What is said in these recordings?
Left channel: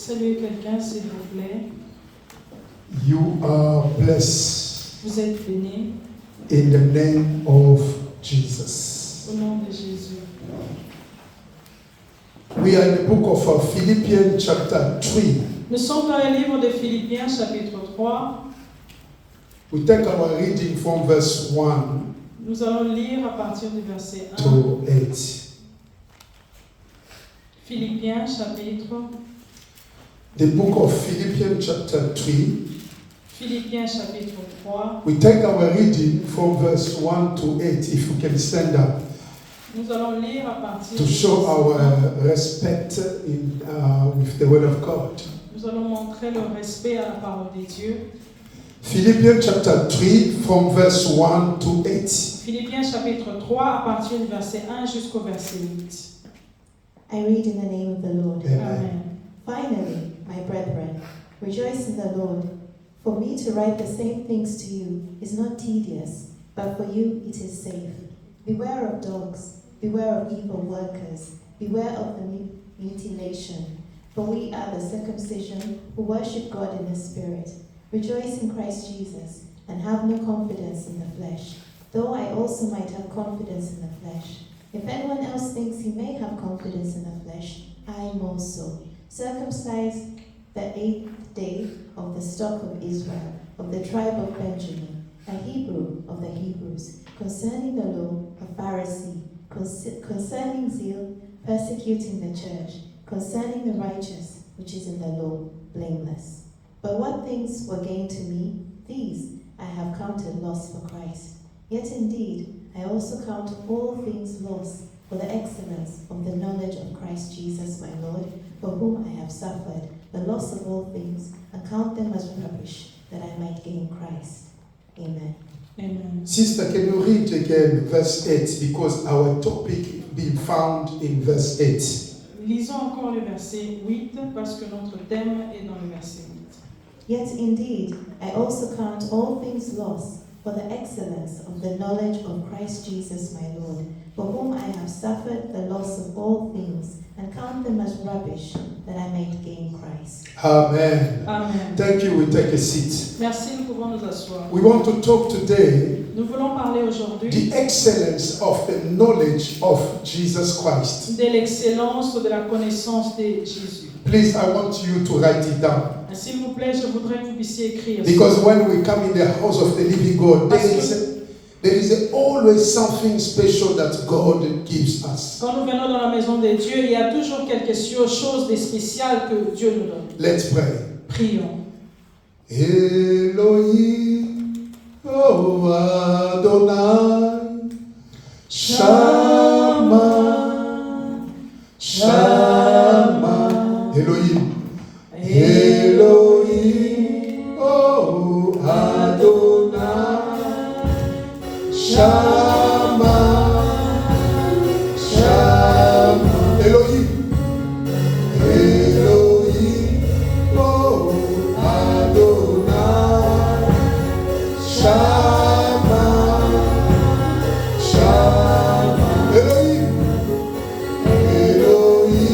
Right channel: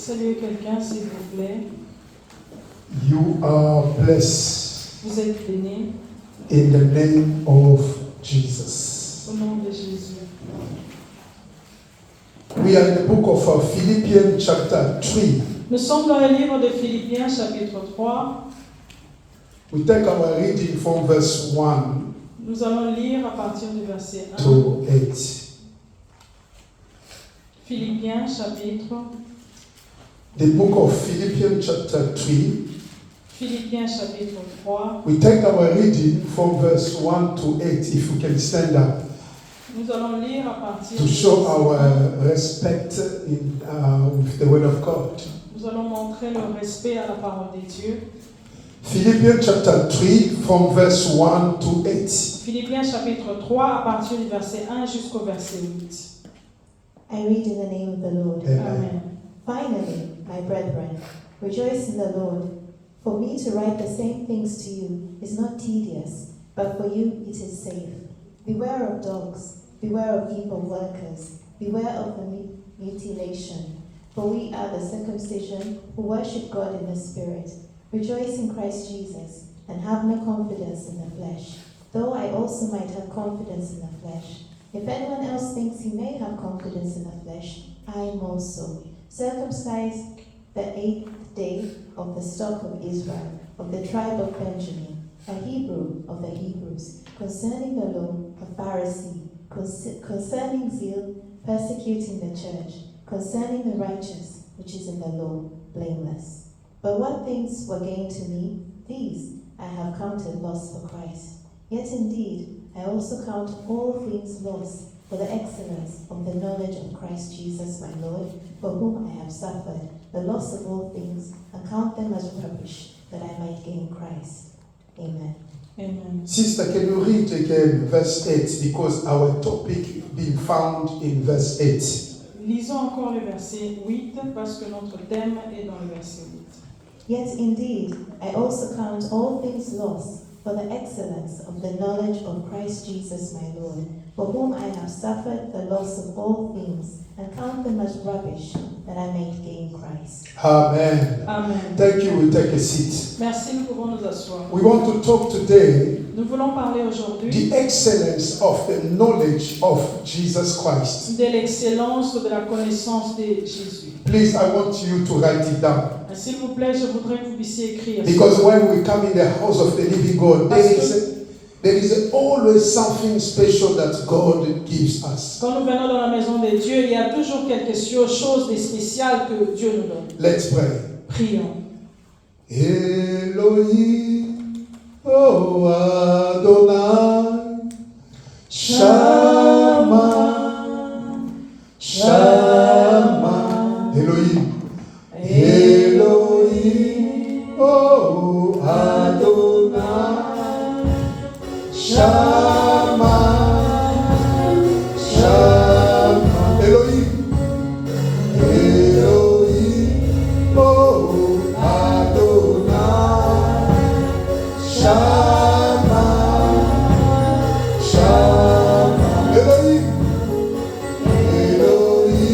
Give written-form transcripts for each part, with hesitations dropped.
Saluez quelqu'un, s'il vous plaît. You are blessed Vous êtes bénis in the name of Jesus. au nom de Jésus. We are in the book of Philippians chapter 3. Nous sommes dans le livre de Philippiens, chapitre 3. We take our reading from verse 1 Nous allons lire à partir du verset 1. to 8. Philippiens, chapitre. The book of Philippians chapter 3. Philippiens, chapitre 3. We take our reading from verse 1 to 8, if you can stand up, Nous allons lire à partir to du show verset our 1. respect with the word of God. Nous allons montrer le respect à la parole de Dieu. Philippians chapter 3 from verse 1 to 8. Philippiens, chapitre 3, à partir du verset 1 jusqu'au verset 8. I read in the name of the Lord. Amen. Amen. Finally, my brethren, rejoice in the Lord. For me to write the same things to you is not tedious, but for you it is safe. Beware of dogs, beware of evil workers, beware of the mutilation. For we are the circumcision who worship God in the Spirit. Rejoice in Christ Jesus, and have no confidence in the flesh, though I also might have confidence in the flesh. If anyone else thinks he may have confidence in the flesh, I am also. Circumcised the 8th day of the stock of Israel, of the tribe of Benjamin, a Hebrew of the Hebrews, concerning the law, a Pharisee, concerning zeal, persecuting the church, concerning the righteous, which is in the law, blameless. But what things were gain to me, these I have counted loss for Christ. Yet indeed, I also count all things loss for the excellence of the knowledge of Christ Jesus my Lord, for whom I have suffered the loss of all things, and count them as rubbish, that I might gain Christ. Amen. Amen. Sister, can you read again verse 8, because our topic being found in verse 8. Lisons encore le verset 8 parce que notre thème est dans le verset 8. Yet indeed, I also count all things lost for the excellence of the knowledge of Christ Jesus my Lord, for whom I have suffered the loss of all things, and count them as rubbish, that I may gain Christ. Amen. Amen. Thank you. We take a seat. Merci, nous pouvons nous asseoir. We want to talk today Nous voulons parler aujourd'hui the excellence of the knowledge of Jesus Christ. de l'excellence de la connaissance de Jésus. Please, I want you to write it down. S'il vous plaît, je voudrais que vous puissiez écrire. Because when we come in the house of the living God, there is always something special that God gives us. Quand nous venons dans la maison de Dieu, il y a toujours quelque chose de spécial que Dieu nous donne. Let's pray. Prions. Elohim, oh Adonai, Shama, Shama, Elohim, Elohim, oh Adonai, Shama, Shama, Elohim, Elohim, oh Adonai, Shama, Shama, Elohim, Elohim.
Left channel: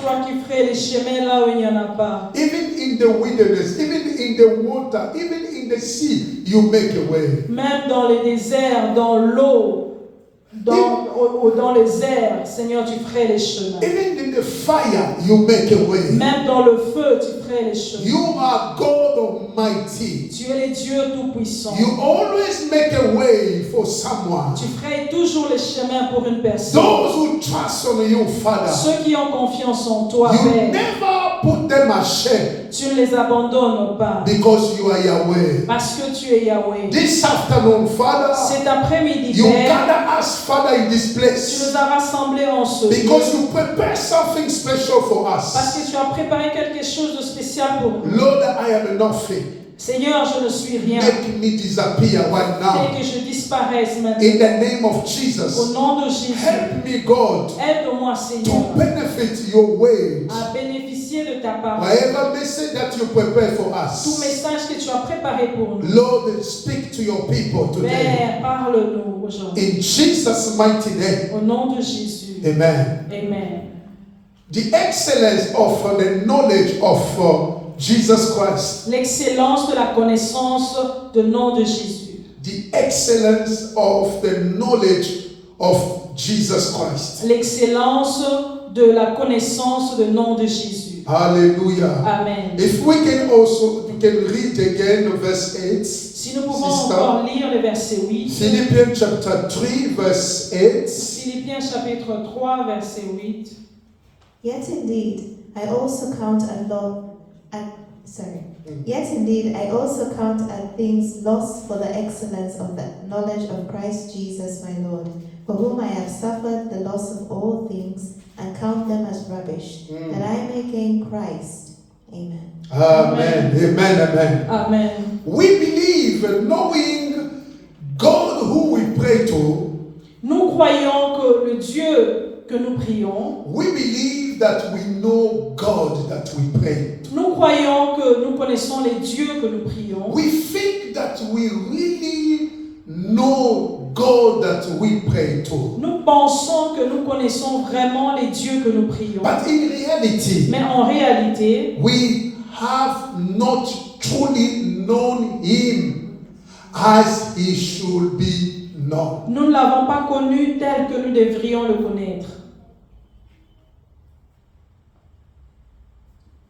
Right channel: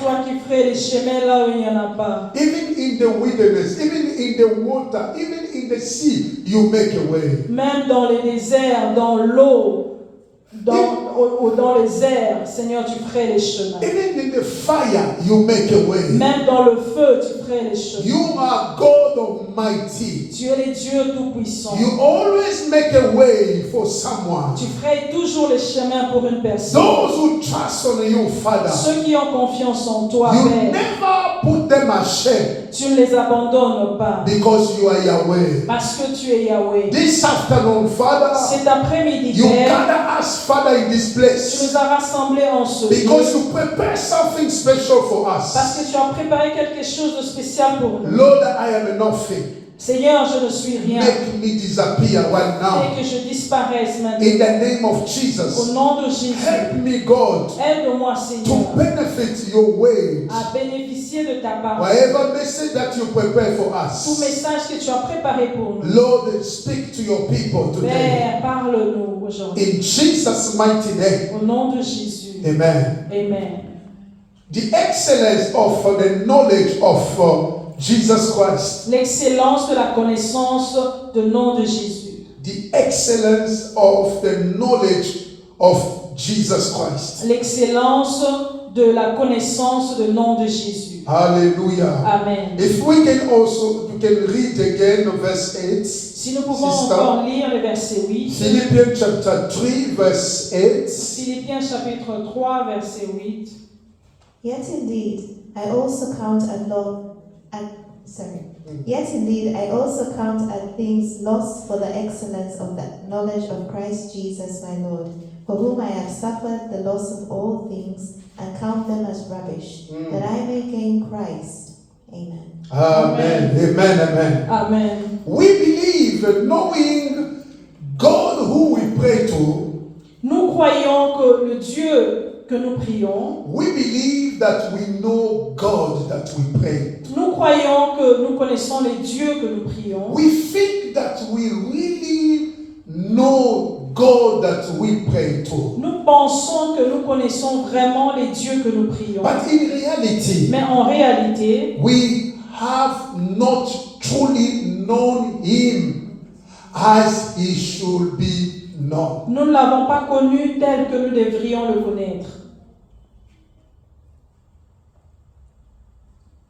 toi qui ferais les chemins là où il n'y en a pas. Even in the wilderness, even in the water, even in the sea, you make a way. Même dans les déserts, dans l'eau, dans les airs, Seigneur, tu ferais les chemins. Even in the fire, you make a way. Même dans le feu, tu ferais les chemins. You are God Almighty. Tu es le Dieu Tout-Puissant. You always make a way for someone. Tu ferais toujours les chemins pour une personne. Those who trust on you, Father, Ceux qui ont confiance en toi, you Père, never put them ashame tu ne les abandonnes pas. because you are Yahweh. Parce que tu es Yahweh. This afternoon, Father, Cet après-midi, you Père, gather us, Father, in this tu place nous as rassemblés en ce lieu. because you prepare something special for Parce us. que tu as préparé quelque chose de spécial pour nous. Lord, I am nothing. Seigneur, je ne suis rien. Make me disappear right now. Fais que je disparaisse maintenant. In the name of Au Jesus, nom de Jésus, help me, God, aide-moi, to Seigneur, benefit your word. à bénéficier de ta parole. Whatever message that you prepare for Tout us, message que tu as préparé pour nous. Lord, speak to your people today. Père, parle-nous aujourd'hui. In Jesus' mighty name, Au nom de Jésus. amen. Amen. The excellence of the knowledge of Jesus Christ. L'excellence de la connaissance du nom de Jésus. The excellence of the knowledge of Jesus Christ. L'excellence de la connaissance du nom de Jésus. Hallelujah. Amen. If we can also, you can read again verse 8. Si nous pouvons Sister. encore lire le verset 8. Philippians chapter 3 verse 8. Philippiens chapitre 3, verset 8. Yet indeed, I also count things lost for the excellence of the knowledge of Christ Jesus my Lord, for whom I have suffered the loss of all things, and count them as rubbish, that I may gain Christ. Amen. Amen. Amen. Amen. Amen. We believe, knowing God who we pray to, Nous croyons que le Dieu que nous prions, we believe that we know God that we pray to. nous croyons que nous connaissons les dieux que nous prions. We think that we really know God that we pray to. Nous pensons que nous connaissons vraiment les dieux que nous prions. But in reality, Mais en réalité, we have not truly known Him as He should be known. nous ne l'avons pas connu tel que nous devrions le connaître.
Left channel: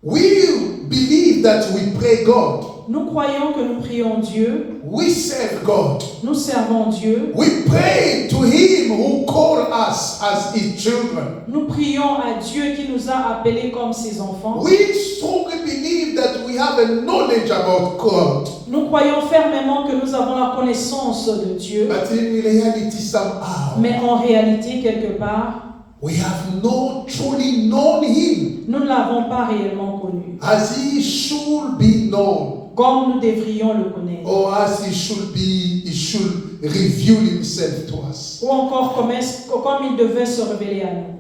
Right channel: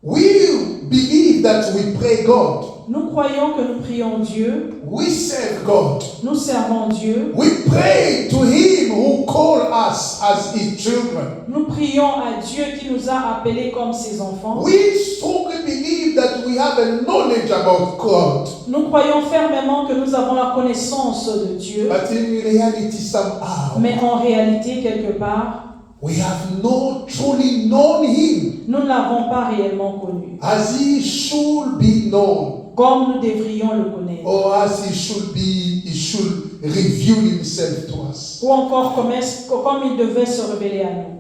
We believe that we pray God. Nous croyons que nous prions Dieu, We serve God. nous servons Dieu, We pray to Him who called us as His children. nous prions à Dieu qui nous a appelés comme ses enfants. We strongly believe that we have a knowledge about God. Nous croyons fermement que nous avons la connaissance de Dieu, But in reality, somehow, mais en réalité, quelque part, we have not truly known Him nous ne l'avons pas réellement connu, as He should be known. comme nous devrions le connaître. Or as He should reveal Himself to us. Ou encore comme il devait se révéler à nous.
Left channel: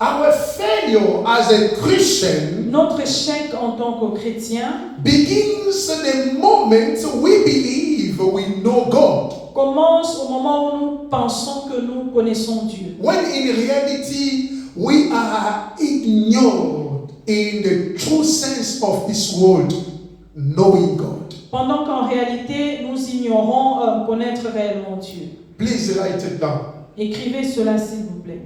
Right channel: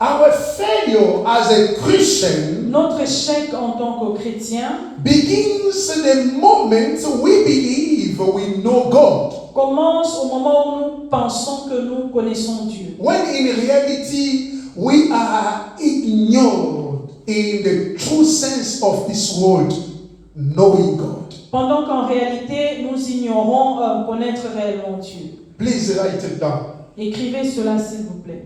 Our failure as a Christian Notre échec en tant que chrétien begins the moment we believe we know God. commence au moment où nous pensons que nous connaissons Dieu. When in reality we are ignored in the true sense of this word, knowing God. Pendant qu'en réalité, nous ignorons connaître réellement Dieu. Please write it down. Écrivez cela s'il vous plaît.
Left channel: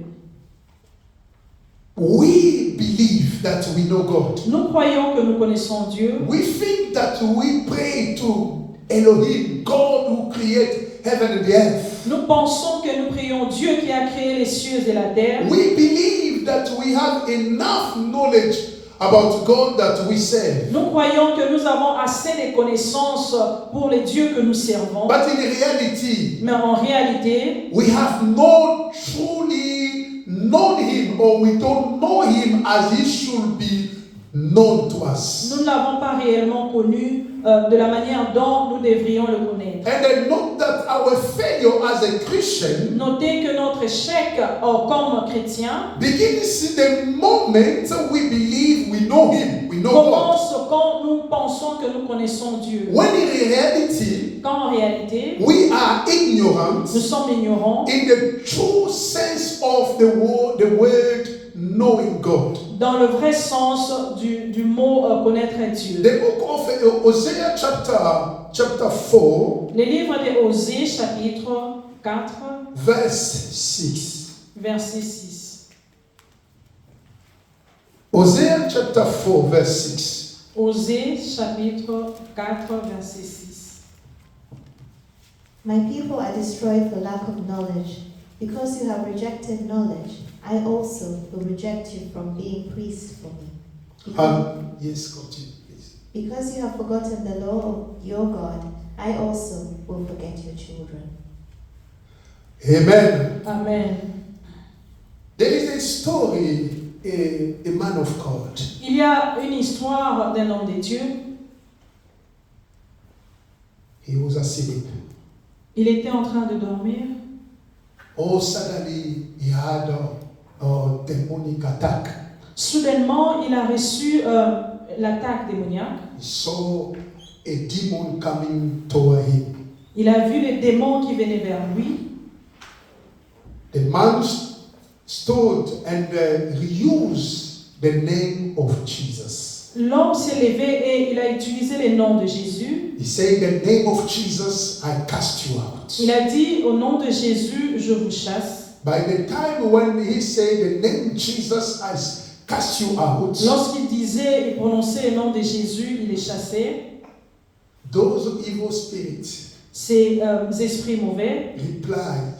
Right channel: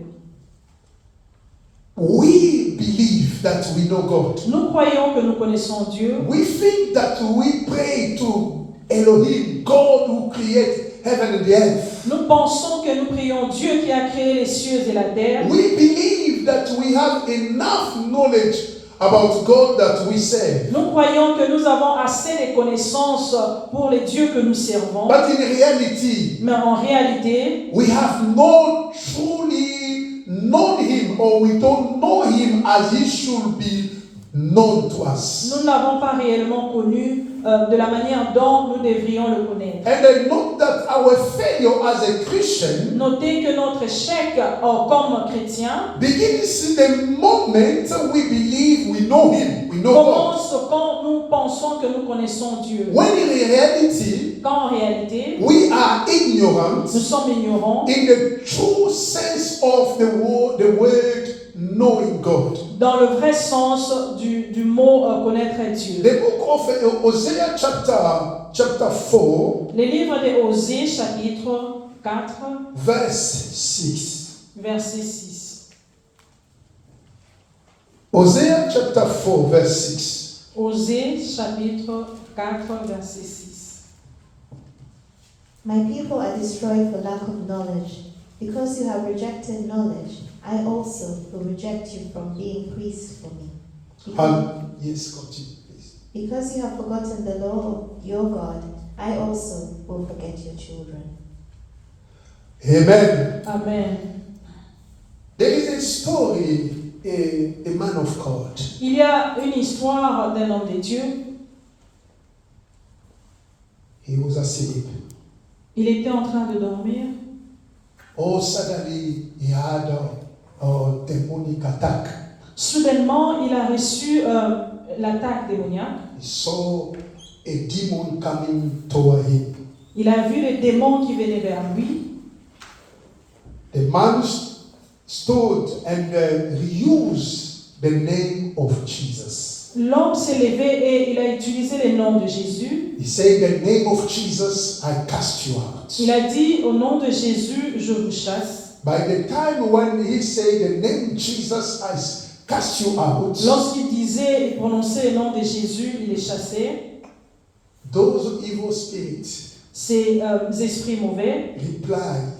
We believe that we know God. Nous croyons que nous connaissons Dieu. We think that we pray to Elohim, God who created heaven and the earth. Nous pensons que nous prions Dieu qui a créé les cieux et la terre. We believe that we have enough knowledge about God that we serve. Nous croyons que nous avons assez de connaissances pour les dieux que nous servons. But in reality, Mais en réalité, we have not truly known Him, or we don't know Him as He should be known to us. nous ne l'avons pas réellement connu de la manière dont nous devrions le connaître. And then note that our failure as a Christian Notez que notre échec comme chrétien begins the moment we believe we know Him, we know God. commence quand nous pensons que nous connaissons Dieu. When in reality, Quand en réalité, we are ignorant nous sommes ignorants in the true sense of the word knowing God. Dans le vrai sens du mot connaître Dieu. The book of Hosea chapter 4, Les livres de Osée, chapitre 4, verse 6. verset 6. Hosea chapter 4, verse 6. Osée, chapitre 4, verset 6. My people are destroyed for lack of knowledge. Because you have rejected knowledge, I also will reject you from being priests for me. Yes, continue, please. Because you have forgotten the law of your God, I also will forget your children. Amen. Amen. There is a story, a man of God. Il y a une histoire d'un homme de Dieu. He was asleep. Il était en train de dormir. Oh, suddenly he had a demonic attack. Soudainement, il a reçu l'attaque démoniaque. He saw a demon coming toward him. Il a vu les démons qui venaient vers lui. The man stood and reused the name of Jesus. L'homme s'est levé et il a utilisé le nom de Jésus. He said, "The name of Jesus, I cast you out." Il a dit, au nom de Jésus, je vous chasse. By the time when he said the name Jesus, I cast you out, Lorsqu'il disait, il prononçait le nom de Jésus, il les chassait. those evil spirits Ces esprits mauvais replied.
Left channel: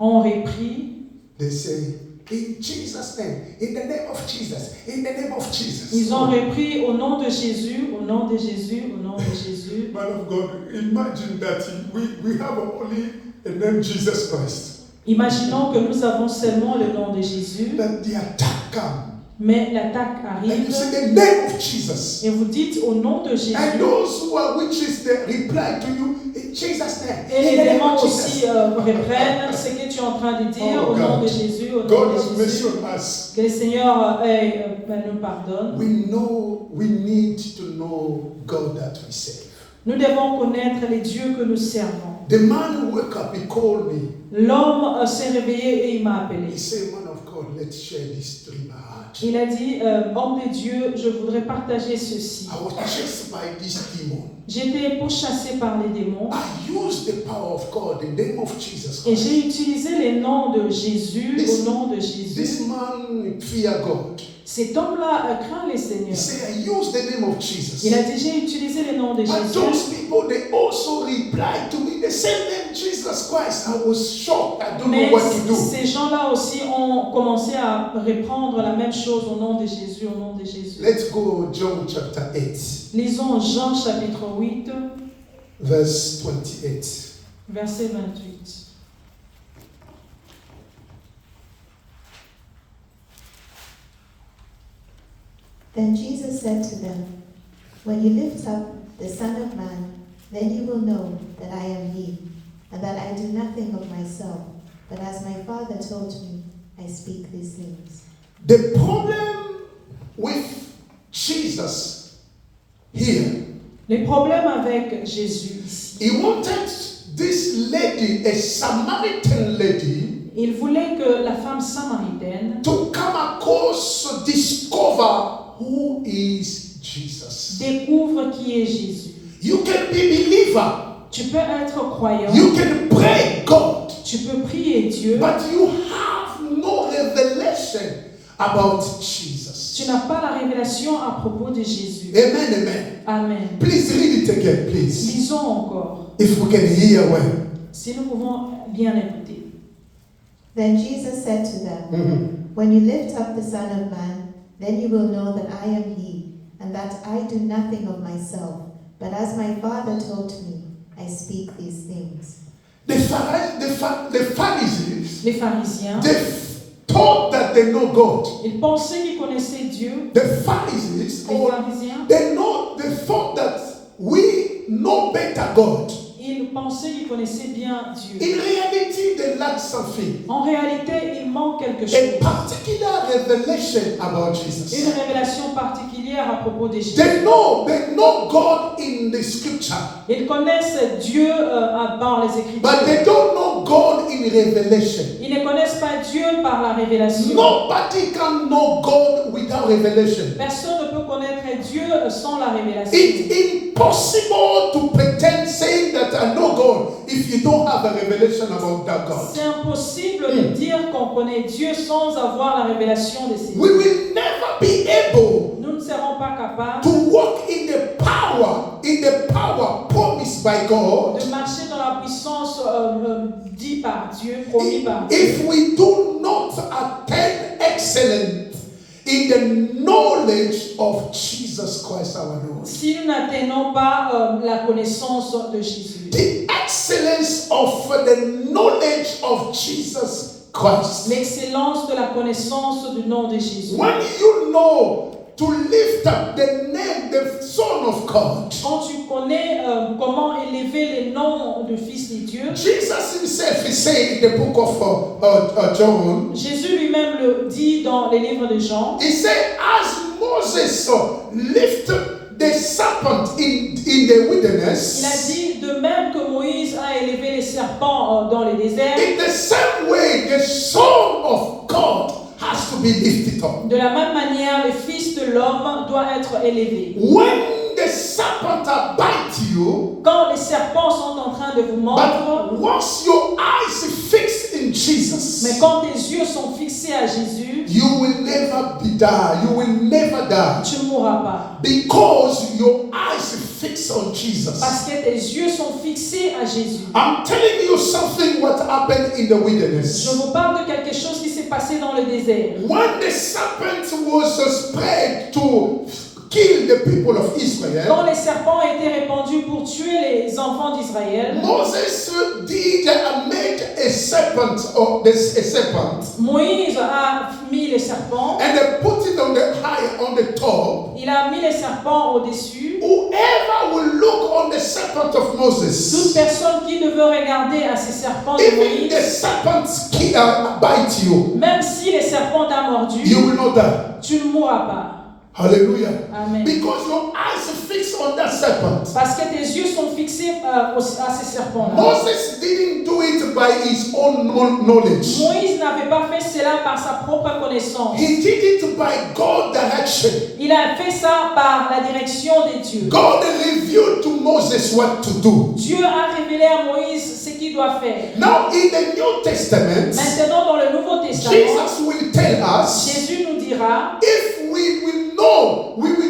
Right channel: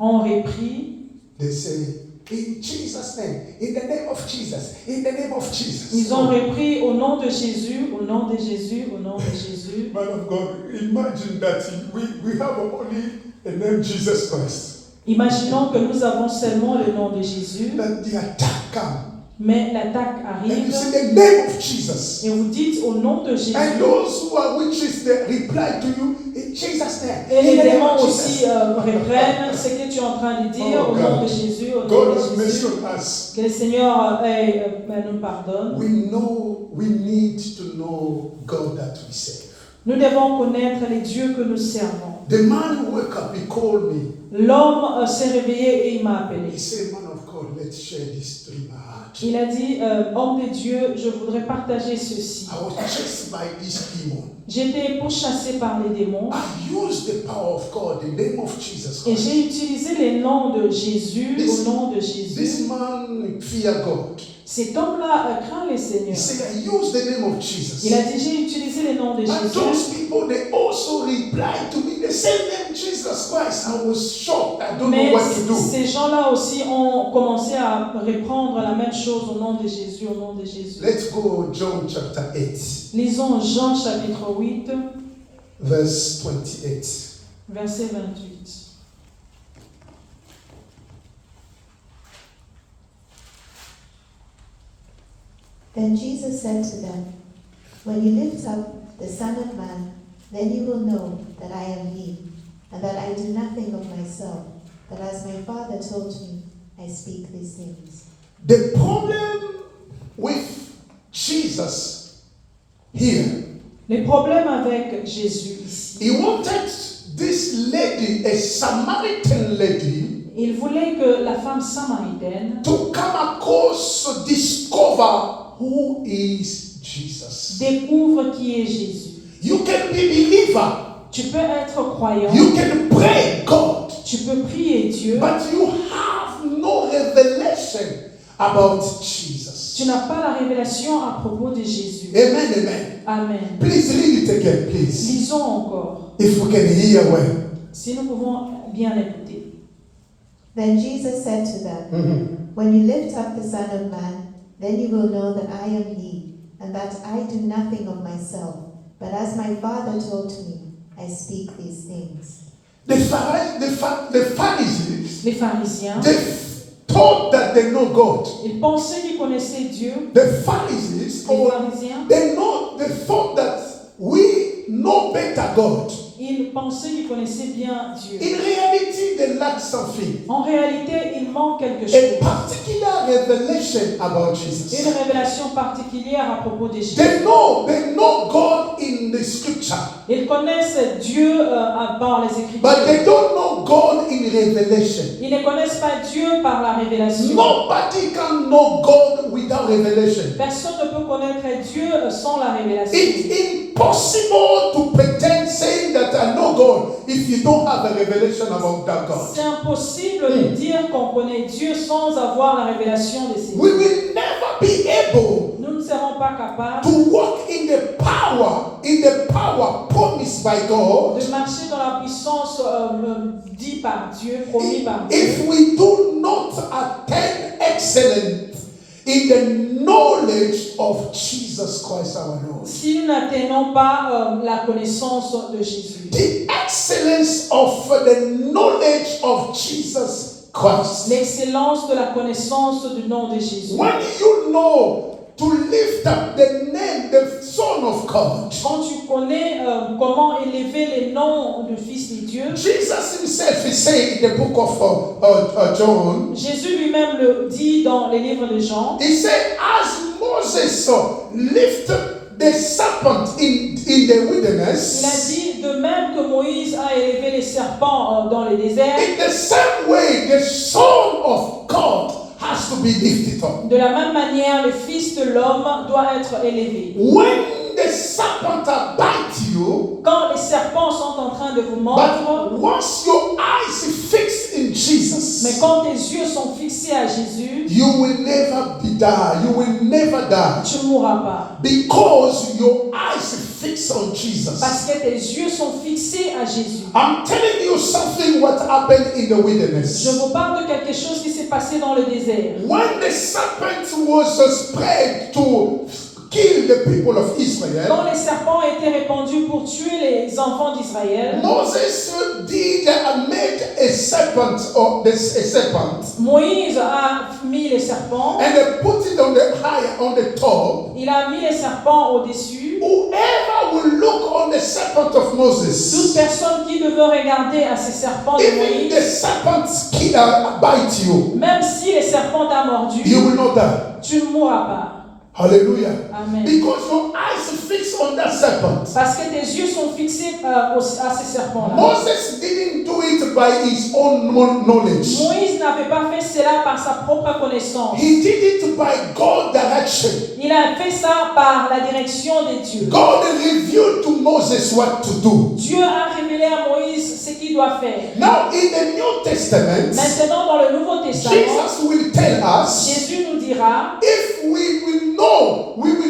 ont repris. They say, "In Jesus' name, in the name of Jesus, in the name of Jesus." Ils ont repris au nom de Jésus, au nom de Jésus, au nom de Jésus. Man of God, imagine that we have only a name Jesus Christ. Imaginons que nous avons seulement le nom de Jésus, That the attack comes. mais l'attaque And you arrive say the name of Jesus. et vous dites au nom de Jésus. And those who are witches, they reply to you in Jesus' name. Et les In the name démons of aussi Jesus. reprennent ce que tu es en train de dire Oh au nom God. de Jésus, au nom God have de mercy Jésus. on us. Que le Seigneur nous pardonne. We need to know God that we serve. Nous devons connaître les dieux que nous servons. The man who woke up, he called me. L'homme s'est réveillé et il m'a appelé. He said, "Man of God, let's share this dream I had. Il a dit, homme de Dieu, je voudrais partager ceci. I was chased by this demon. J'étais pourchassé par les démons I used the power of God, the name of Jesus et Christ. j'ai utilisé les noms de Jésus au nom de This Jésus. man fear God. Cet homme-là craint les He seigneurs. said, "I used the name of Jesus." Il a dit, j'ai utilisé les noms de And those Jésus. people, they also replied to me. They said, "Name Jesus Christ." I was shocked. I don't Mais know what to do. ces gens-là aussi ont commencé à reprendre la même chose au nom de Jésus, au nom de Jésus. Let's go John chapter 8, Lisons Jean chapitre 8, verse 28. verset 28. Then Jesus said to them, When you lift up the Son of Man, then you will know that I am He, and that I do nothing of myself, but as my Father told me, I speak these things. The problem with Jesus here, Les problèmes avec Jésus ici. he wanted this lady, a Samaritan lady, Il voulait que la femme samaritaine to come across to discover who is Jesus. découvre qui est Jésus. You can be believer. Tu peux être croyant, You can pray God. tu peux prier Dieu, But you have no revelation about Jesus. tu n'as pas la révélation à propos de Jésus. Amen, amen. Amen. Please read it again, please. Lisons encore, If we can hear well. si nous pouvons bien écouter. Then Jesus said to them, When you lift up the Son of Man, then you will know that I am He, and that I do nothing of myself, but as my Father told me, I speak these things. The Pharisees, Les pharisiens, they thought that they know God. ils pensaient qu'ils connaissaient Dieu. The Pharisees, Les pharisiens, they thought that we know better God. ils pensaient qu'ils connaissaient bien Dieu. In reality, they lack something. En réalité, il manque quelque A chose. particular revelation about Jesus. Une révélation particulière à propos de Jésus. They know God in the scripture, Ils connaissent Dieu par les but they Écritures. don't know God in revelation. Ils ne connaissent pas Dieu par la révélation. Nobody can know God without revelation. Personne ne peut connaître Dieu sans la révélation. It's impossible to pretend saying that I know God if you don't have a revelation about that God. C'est impossible de dire qu'on connaît Dieu sans avoir la révélation de ses We dieux. will never be able Nous ne serons pas capables to walk in the power promised by God de marcher dans la puissance dit par Dieu, promis par Dieu. if we do not attain excellence in the knowledge of Jesus Christ our Lord. Si nous n'atteignons pas la connaissance de Jésus. The excellence of the knowledge of Jesus Christ. L'excellence de la connaissance du nom de Jésus. When you know to lift up the name, the Son of God, Quand tu connais comment élever les noms du Fils de Dieu, Jesus himself is saying in the book of John, Jésus lui-même le dit dans les livres de Jean. he said, as Moses lifted the serpent in the Il a wilderness, dit de même que Moïse a élevé les serpents dans les déserts, in the same way the Son of God has to be lifted up. de la même manière le Fils de l'homme doit être élevé. When the serpent bite you, Quand les serpents sont en train de vous mordre, but once your eyes fixed in mais Jesus, quand tes yeux sont fixés à Jésus, you will never die. You will never die tu ne mourras pas. because your eyes fixed on Jesus. Parce que tes yeux sont fixés à Jésus. I'm telling you something what happened in the Je wilderness. vous parle de quelque chose qui s'est passé dans le désert. When the serpent was spread to kill the people of Quand Israel, les serpents étaient répandus pour tuer les enfants d'Israël, Moses did make a serpent or a serpent Moïse a mis les serpents. and they put it on the high on the top. Il a mis les serpents au-dessus. Whoever will look on the serpent of Toute Moses, personne qui ne veut regarder à ces serpents de even the Moïse, serpent bite you, même si les serpents t'ont mordu, you will not die. tu ne mourras pas. Hallelujah. Amen. Because your eyes are fixed on that serpent. Parce que tes yeux sont fixés à ces serpents-là. Moses didn't do it by his own knowledge. Moïse n'avait pas fait cela par sa propre connaissance. He did it by God's direction. Il a fait ça par la direction de Dieu. God revealed to Moses what to do. Dieu a révélé à Moïse ce qu'il doit faire. Now in the New Testament, Maintenant, dans le Nouveau Testament, Jesus will tell us, Jésus nous dira, if we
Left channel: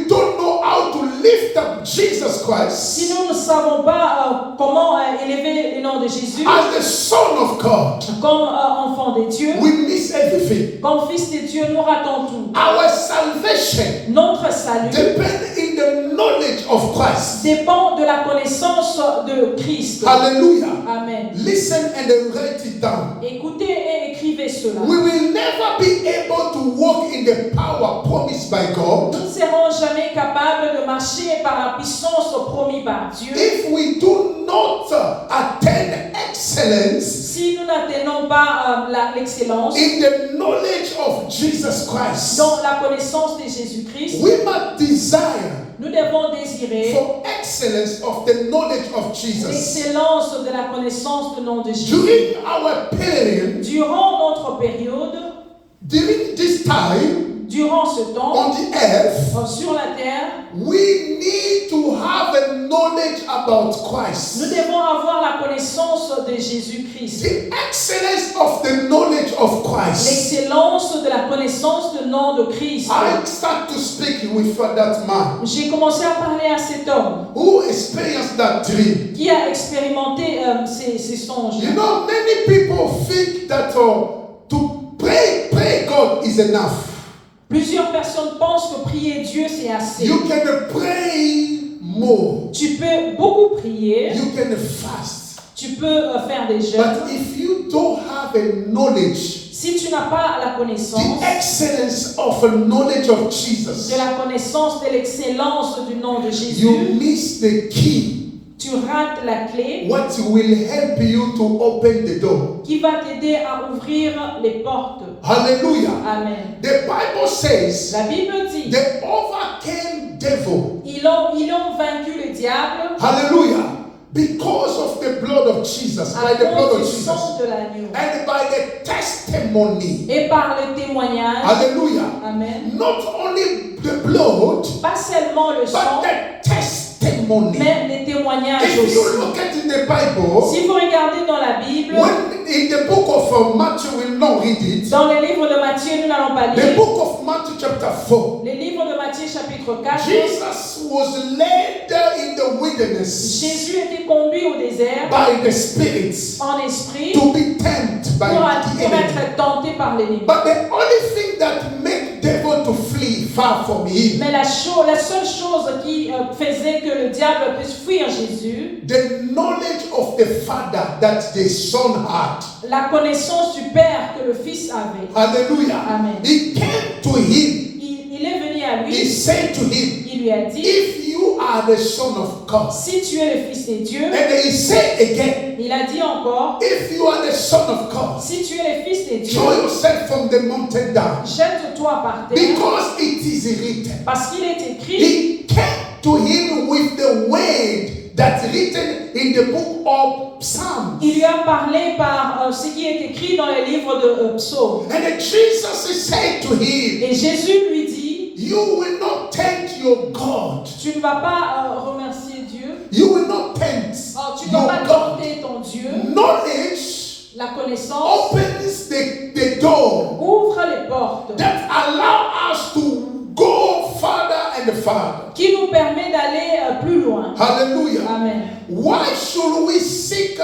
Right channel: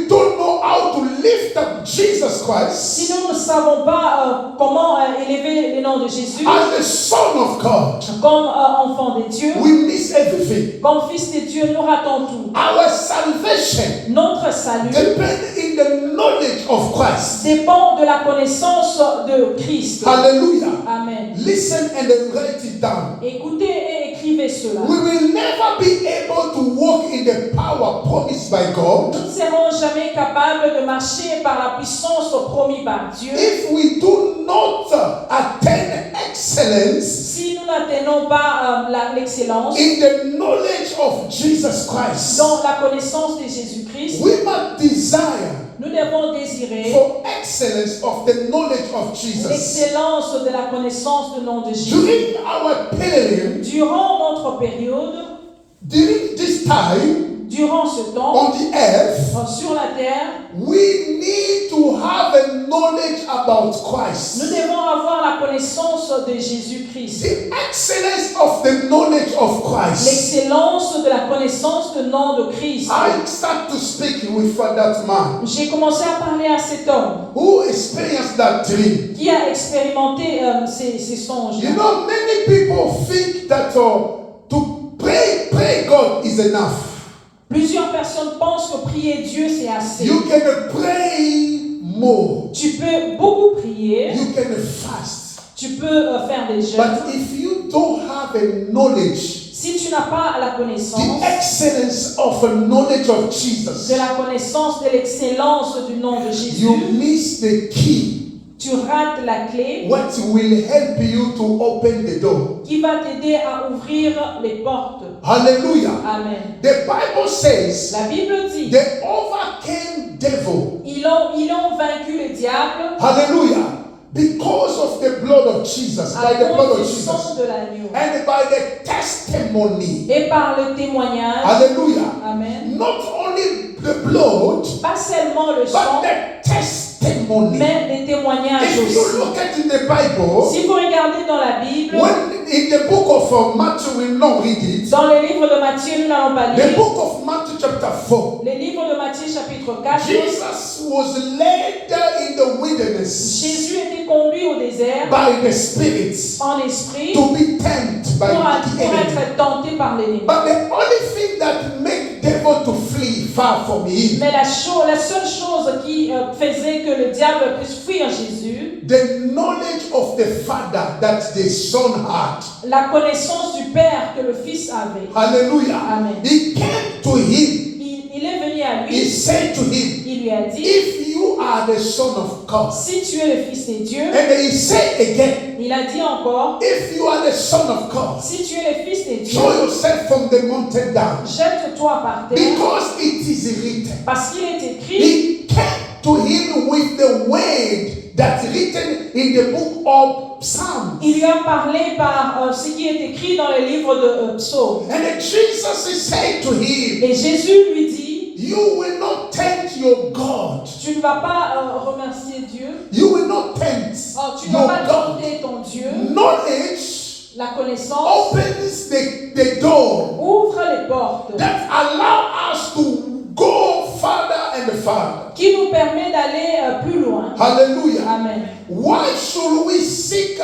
don't know how to lift up Jesus Christ si nous ne savons pas comment élever le nom de Jésus, as the Son of God, comme enfant de Dieu, we miss everything. comme fils de Dieu, nous ratons tout. Our salvation Notre salut depends in the knowledge of Christ. dépend de la connaissance de Christ. Hallelujah. Amen. Listen and then write it down. Écoutez et écrivez cela. We will never be able to walk in the power promised by God Nous ne serons jamais capables de marcher par la puissance promise par Dieu if we do not attain excellence si nous n'atteignons pas l'excellence in the knowledge of Jesus Christ. dans la connaissance de Jésus-Christ. We must desire Nous devons désirer for excellence of the knowledge of Jesus. l'excellence de la connaissance du nom de Jésus. During our period, Durant notre période, during this time durant ce temps, on the earth, sur la terre, we need to have a knowledge about nous Christ. devons avoir la connaissance de Jésus-Christ. The excellence of the knowledge of Christ. L'excellence de la connaissance du nom de Christ. I start to speak with that man J'ai commencé à parler à cet homme who experienced that dream. qui a expérimenté ces songes. You know, many people think that to pray God is enough. Plusieurs personnes pensent que prier Dieu c'est assez. You can pray more. Tu peux beaucoup prier, You can fast. tu peux faire des jeûnes. But if you don't have a knowledge, Si tu n'as pas la connaissance the excellence of a knowledge of de Jesus, la connaissance de l'excellence du nom de you Jésus, miss the key tu rates la clé what will help you to open the door. qui va t'aider à ouvrir les portes. Hallelujah. Amen. The Bible says La Bible dit, they overcame devil. ils ont vaincu le diable Hallelujah. Because of the blood of Jesus, by à the blood of cause du Jesus, sang de l'agneau and by the testimony. et par le témoignage. Hallelujah. Amen. Not only the blood, Pas seulement le but sang, the testimony. mais les témoignages If you aussi. look at in the Bible, Si vous regardez dans la Bible, when in the book of Matthew, we will not read it. dans le livre de Matthieu, nous n'allons pas The lire. book of Matthew chapter 4. Le livre de Matthieu chapitre 4, Jesus was led in the wilderness Jésus était conduit au désert by the spirits en esprit to be tempted by pour the enemy. être tenté par l'ennemi. But the only thing that made devil to flee far from him, Mais la seule chose qui faisait que le diable puisse fuir Jésus, the knowledge of the Father that the Son had. la connaissance du Père que le Fils avait. Hallelujah. Amen. He came to him. Il est venu à He lui, said to him, il lui a dit, if you are the Son of God, si tu es le Fils de Dieu, and he said again, il a dit encore, if you are the Son of God, si tu es le Fils de Dieu, throw yourself from the mountain down, jette-toi par terre, because it is written. parce qu'il est écrit, He came to him with the word that's written in the book of Psalms. il lui a parlé par ce qui est écrit dans le livre de Psaume. And then Jesus said to him, Et Jésus lui dit, you will not tempt your God. tu ne vas pas remercier Dieu, You will not tempt tu ne vas your pas God. tenter ton Dieu. Knowledge La connaissance opens the door ouvre les portes that allow us to go farther and farther. qui nous permet d'aller plus loin. Hallelujah. Amen. Why should we seek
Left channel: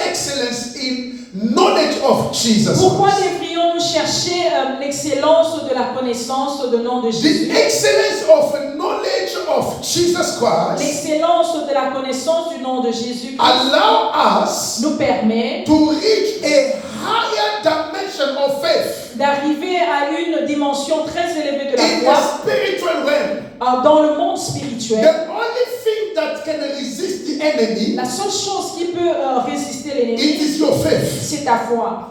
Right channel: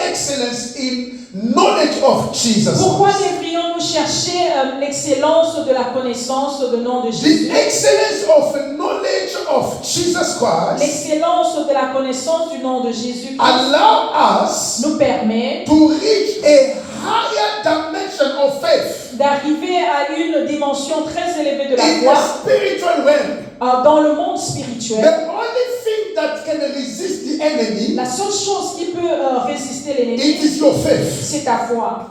excellence in knowledge of Jesus Pourquoi Christ? devrions-nous chercher l'excellence de la connaissance du nom de Jésus? The excellence of knowledge of Jesus Christ L'excellence de la connaissance du nom de Jésus allow us nous permet to reach a higher dimension of faith d'arriver à une dimension très élevée de la in the foi spiritual realm. dans le monde spirituel. The only thing that can resist the enemy, La seule chose qui peut résister l'ennemi, it is your faith. c'est ta foi.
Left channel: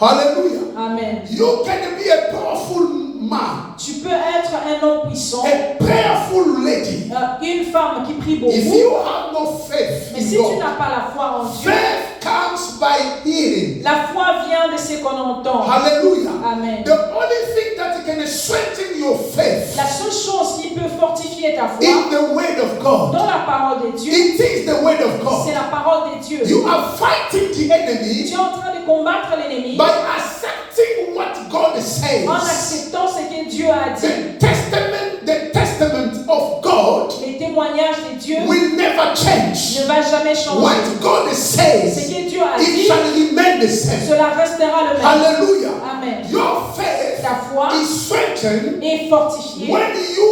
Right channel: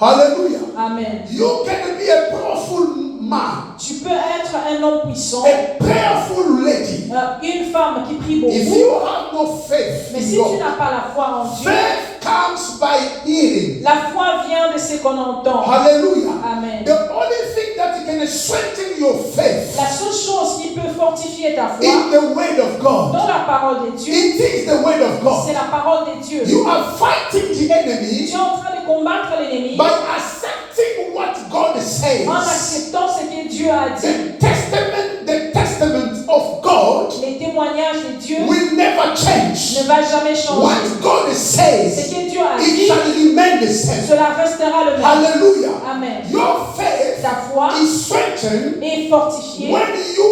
Hallelujah. Amen. You can be a powerful man, Tu peux être un homme puissant, a prayerful lady. une femme qui prie If beaucoup, you have no faith mais in si tu God, n'as pas la foi en Dieu, faith comes by hearing. la foi vient de ce qu'on entend. Hallelujah. Amen. The only thing that can strengthen your faith La seule chose qui peut fortifier ta foi in the word of God. dans la parole de Dieu, It is the word of God. c'est la parole de Dieu. You are fighting the Tu enemy es en train de combattre l'ennemi by accepting what God says. en acceptant ce que Dieu a dit. The testament of God Les témoignages de Dieu will never change. ne va jamais changer. What God Ce says, que Dieu a it dit, shall remain the same. cela restera le même. Hallelujah. Amen. Your faith Ta foi is strengthened est fortifiée when you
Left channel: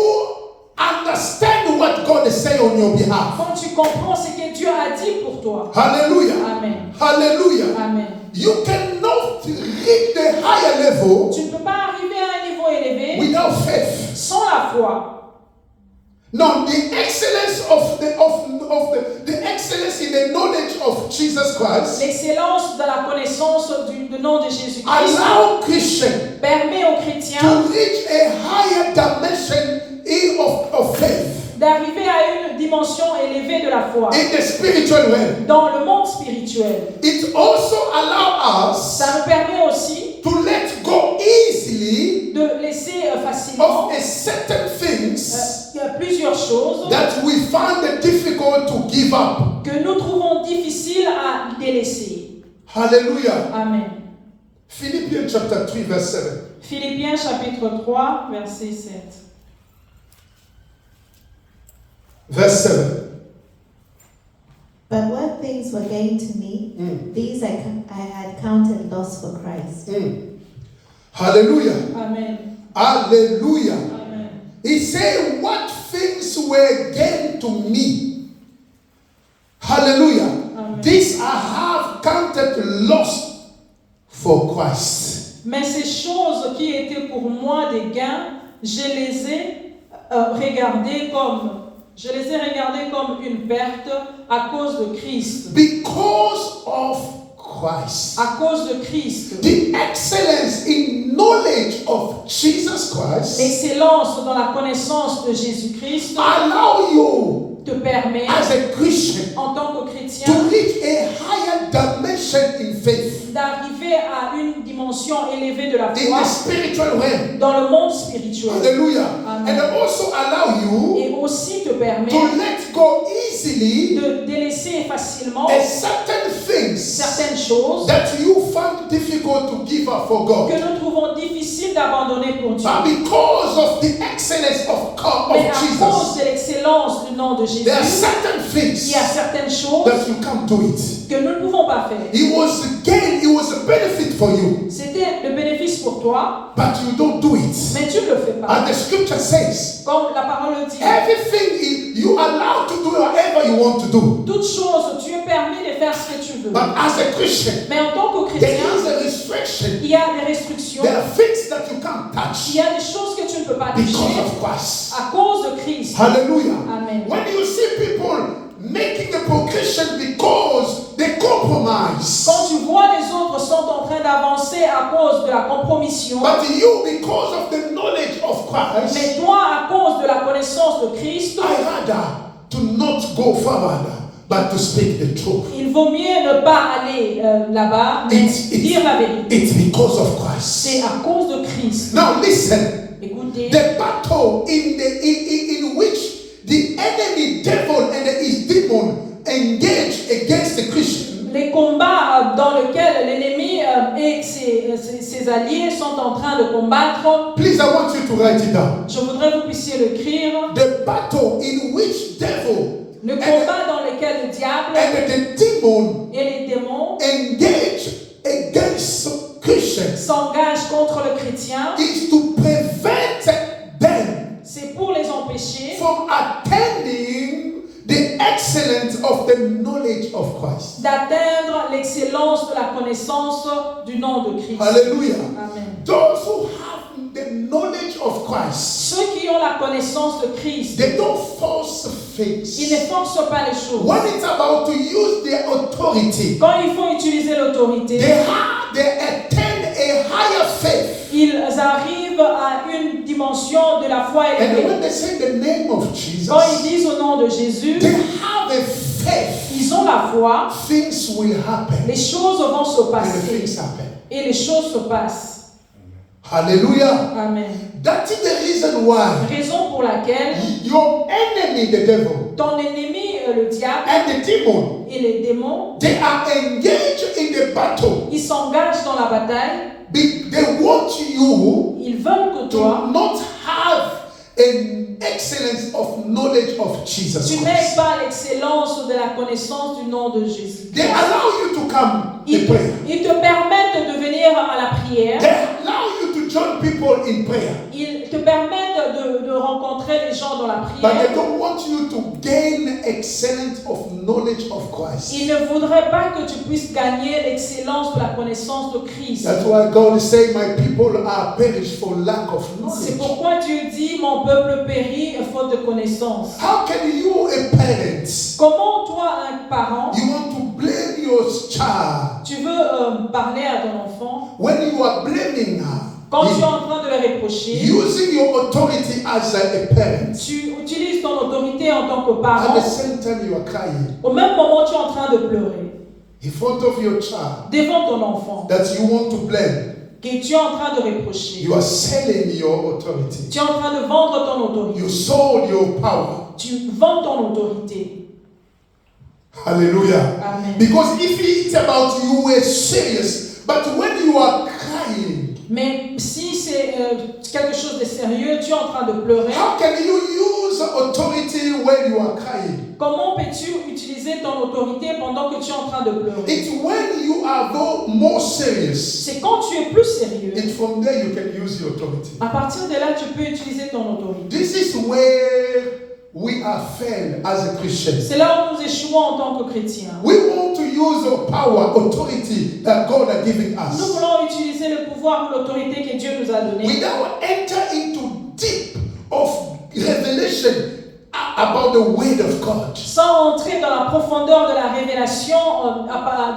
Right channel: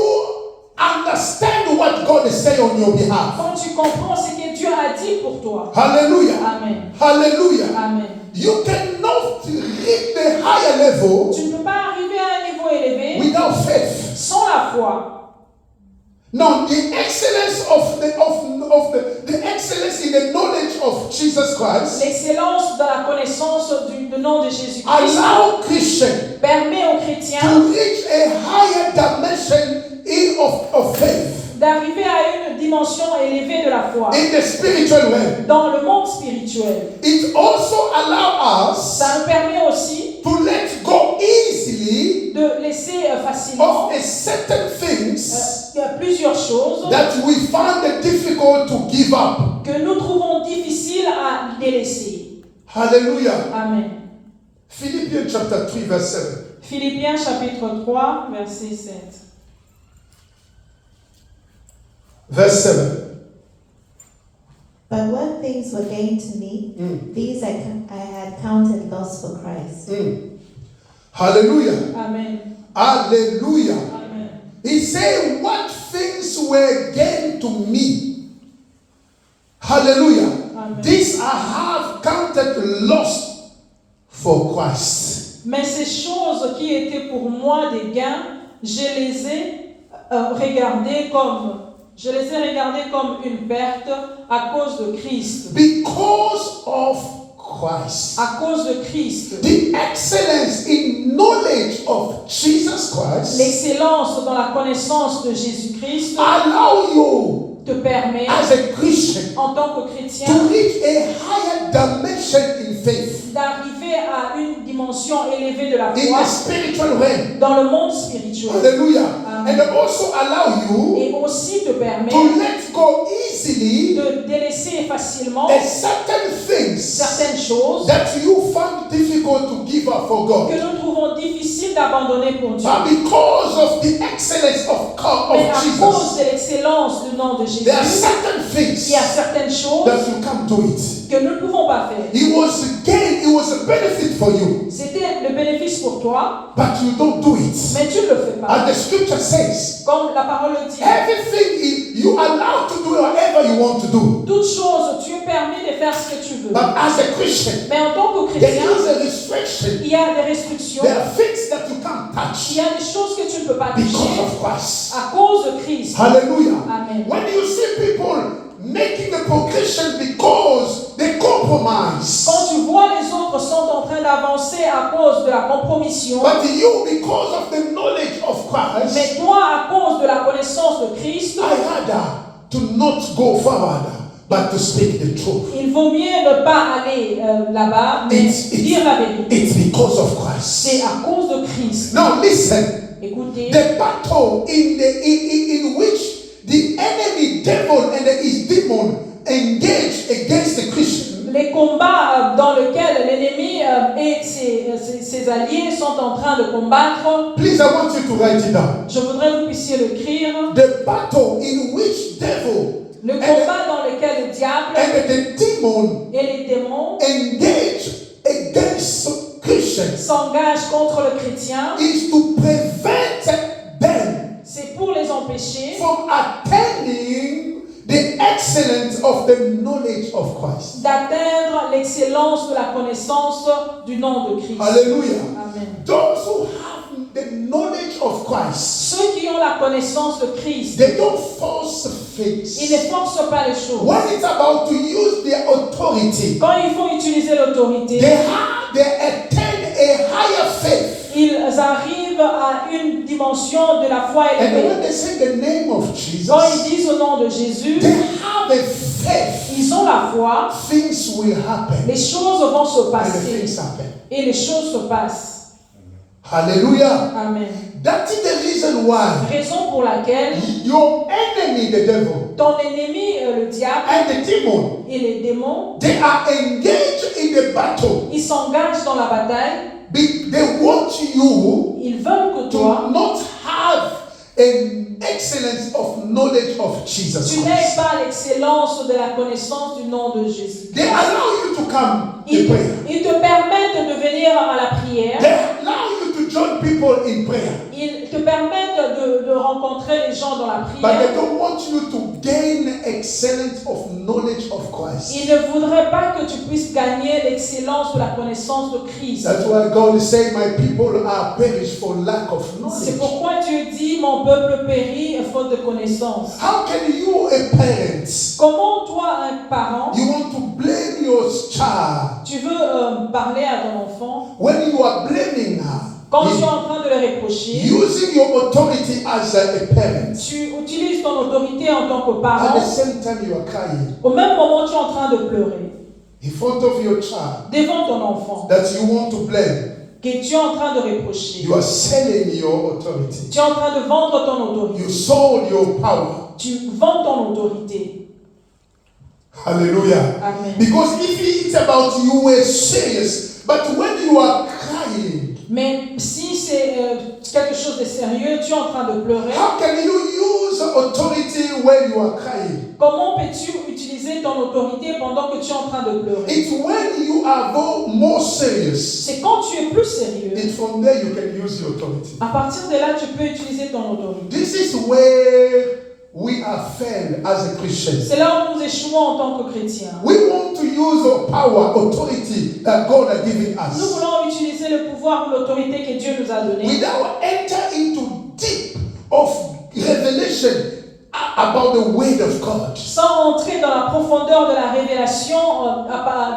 understand what God is saying on your behalf. quand tu comprends ce que Dieu a dit pour toi. Hallelujah. Amen. Hallelujah. Amen. You cannot reach the higher level Tu ne peux pas arriver à un niveau élevé without faith. sans la foi. Now, the excellence of the excellence in the knowledge of Jesus Christ L'excellence de la connaissance du nom de Jésus-Christ allow Christians permet aux chrétiens to reach a higher dimension of faith d'arriver à une dimension élevée de la foi in the spiritual realm. dans le monde spirituel. It also allows us Ça nous permet aussi to let go easily de laisser facilement of a certain things il y a plusieurs choses that we find it difficult to give up. que nous trouvons difficiles à délaisser. Hallelujah. Amen. Philippians chapter 3 verse 7. Philippiens chapitre 3, verset 7. Verse 7. But what things were gained to me, these I had counted loss for Christ. Hallelujah. Amen. Hallelujah. Amen. He said, what things were gained to me? Hallelujah. Amen. This I have counted lost for Christ. Mais ces choses qui étaient pour moi des gains, je les ai regardées comme Je les ai regardés comme une perte à cause de Christ. Because of Christ. À cause de Christ. The excellence in knowledge of Jesus Christ L'excellence dans la connaissance de Jésus-Christ allow you te permet, as a Christian en tant que to chrétien, reach a higher dimension in faith, d'arriver à une dimension élevée de la in foi the spiritual realm. dans le monde spirituel. Hallelujah. Amen. And also allow you Et aussi te permet to let go easily de délaisser facilement a certain things certaines choses that you found difficult to give up for God. que nous trouvons difficiles d'abandonner pour Dieu. But because of the excellence of God, Mais of à Jesus, cause de l'excellence du nom de Jésus, there are certain il things y a certaines choses that you can't do it. que nous ne pouvons pas faire. It was a gain, it was a benefit for you, C'était le bénéfice pour toi, but you don't do it. mais tu ne le fais pas. And the scripture says, Comme la parole le dit, everything you are allowed to do whatever you want to do. toute chose, tu es permis de faire ce que tu veux. But as a Christian, Mais en tant que there chrétien, is a restriction. il y a des restrictions, There are things that you can't il touch y a des choses que tu ne peux pas because toucher of Christ. à cause de Christ. Hallelujah. Amen. When you see people making a progression because they compromise, Quand tu vois les autres sont en train d'avancer à cause de la compromission, but you, because of the knowledge of Christ, mais toi, à cause de la connaissance de Christ, I rather to not go forward, but to speak the truth. il vaut mieux ne pas aller là-bas, mais dire la vérité. It's because of Christ. C'est à cause de Christ. Now listen. Écoutez, The battle in which the enemy devil and his demon engage against the Christian les combats dans lesquels l'ennemi et ses alliés sont en train de combattre, please, I want you to write it down. je voudrais que vous puissiez l'écrire. The battle in which devil Le combat dans lequel le diable and the demon et les démons engage against Christians s'engagent contre le chrétien, is to prevent them c'est pour les empêcher from attaining the excellence of the knowledge of Christ. d'atteindre l'excellence de la connaissance du nom de Christ. Hallelujah. Amen. Those who have the knowledge of Christ, Ceux qui ont la connaissance de Christ, they don't force ils things. ne forcent pas les choses. When it's about to use their authority, Quand il faut utiliser l'autorité, they attain a higher faith. ils arrivent à une dimension de la foi And élevée. when they say the name of Quand Jesus, ils disent au nom de Jésus, they have a faith. ils ont la foi, Things will happen. les choses vont se And the passer. things happen. Et les choses se passent. Hallelujah. Amen. That is the reason why Raison pour laquelle your enemy, the devil, ton ennemi, le diable and the demon, et les démons, they are engaged in the battle. ils s'engagent dans la bataille. They want you Ils veulent que to toi, not have an excellence of knowledge of Jesus tu n'aies Christ. pas l'excellence de la connaissance du nom de Jésus. They allow you to come to Ils prayer. te permettent de venir à la prière. They allow you to join people in prayer. Ils te permettent de rencontrer les gens dans la But prière. they don't want you to gain excellence of knowledge of Christ. Ils ne voudraient pas que tu puisses gagner l'excellence de la connaissance de Christ. That's why God is saying, my people are perished for lack of C'est knowledge. pourquoi Dieu dit, mon peuple périt faute de connaissance. How can you, a parent, Comment toi, un parent, you want to blame your child tu veux parler à ton enfant when you are blaming her? quand tu es en train de le reprocher? Using your authority as a parent. Tu utilises ton autorité en tant que At parent. the same time, you are crying Au même moment, tu es en train de pleurer in front of your child devant ton enfant that you want to blame. que tu es en train de reprocher. You are selling your authority. Tu es en train de vendre ton autorité. You sold your power. Tu vends ton autorité. Hallelujah. Amen. Because if it's about you were serious, but when you are crying, Mais si c'est quelque chose de sérieux, tu es en train de pleurer, how can you use authority when you are crying? comment peux-tu utiliser ton autorité pendant que tu es en train de pleurer? It's when you are more serious. C'est quand tu es plus sérieux. It's from there you can use your authority. À partir de là, tu peux utiliser ton autorité. This is where we are failed as a Christian. C'est là où nous échouons en tant que chrétiens. We want to use our power, authority that God has given Nous us voulons utiliser le pouvoir ou l'autorité que Dieu nous a donné without enter into deep of revelation about the word of God. sans entrer dans la profondeur de la révélation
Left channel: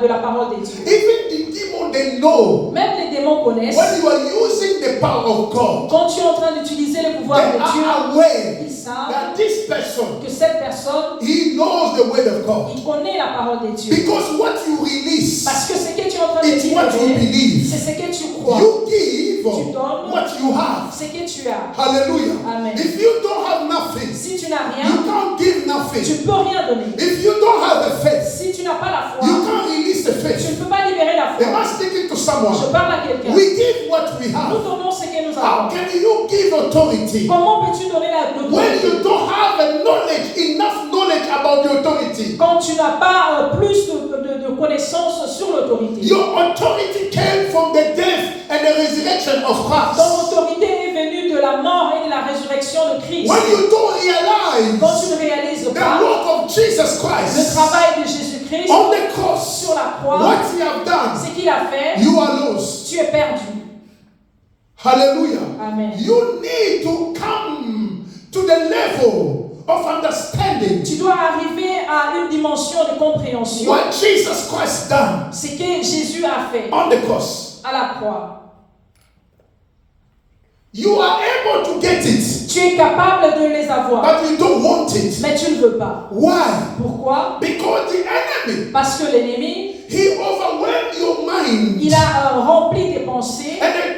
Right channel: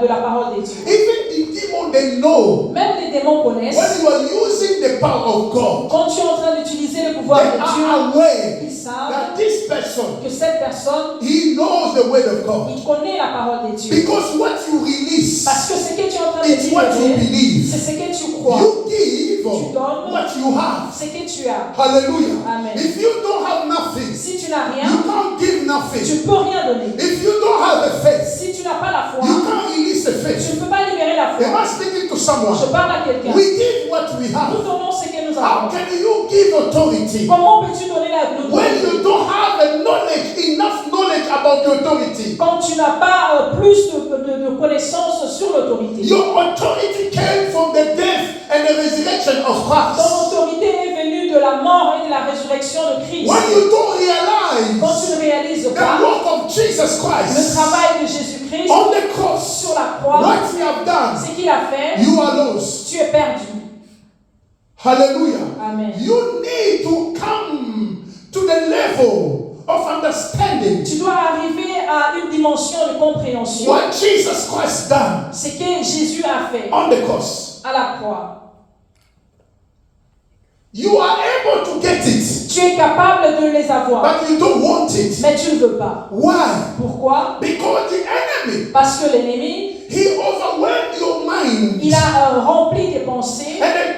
de la parole des dieux. Even the demon, they know Même les démons connaissent. when you are using the power of God, Quand tu es en train d'utiliser le pouvoir they de Dieu, are aware ils savent that this person, que cette personne, he knows the word of God. il connaît la parole des dieux. Because what you release Parce que ce que tu es en train de is what you libérer, believe. c'est ce que tu crois. You give Tu donnes what you have. ce que tu as. Hallelujah. Amen. If you don't have nothing, Si tu n'as you rien, can't give tu nothing. ne peux rien donner. If you don't have a faith, Si tu n'as pas la foi, you can't release the tu faith. ne peux pas libérer la Am foi. I speaking to Je someone? parle à quelqu'un. We give what we Nous have. donnons ce que nous How avons. can you give authority Comment peux-tu donner when l'autorité you don't have enough knowledge about the authority? quand tu n'as pas plus de connaissances sur l'autorité? Your authority came from the death and the resurrection of Ton Christ. autorité est venue de la mort et de la résurrection de Christ. When you don't Quand realize tu ne réalises the pas work of Jesus le Christ travail de Jésus-Christ on the cross, sur la croix, what he have done, ce qu'il a fait, you are lost. tu es perdu. Hallelujah. Amen. You need to come to the level of understanding Tu dois arriver à une dimension de compréhension. what Jesus Christ done Ce que Jésus a fait on the cross. à la croix. You are able to get it, Tu es capable de les avoir, but you don't want it. mais tu ne veux pas. Why? Pourquoi? Because the enemy, Parce que l'ennemi, he overwhelmed your mind il a rempli tes pensées and then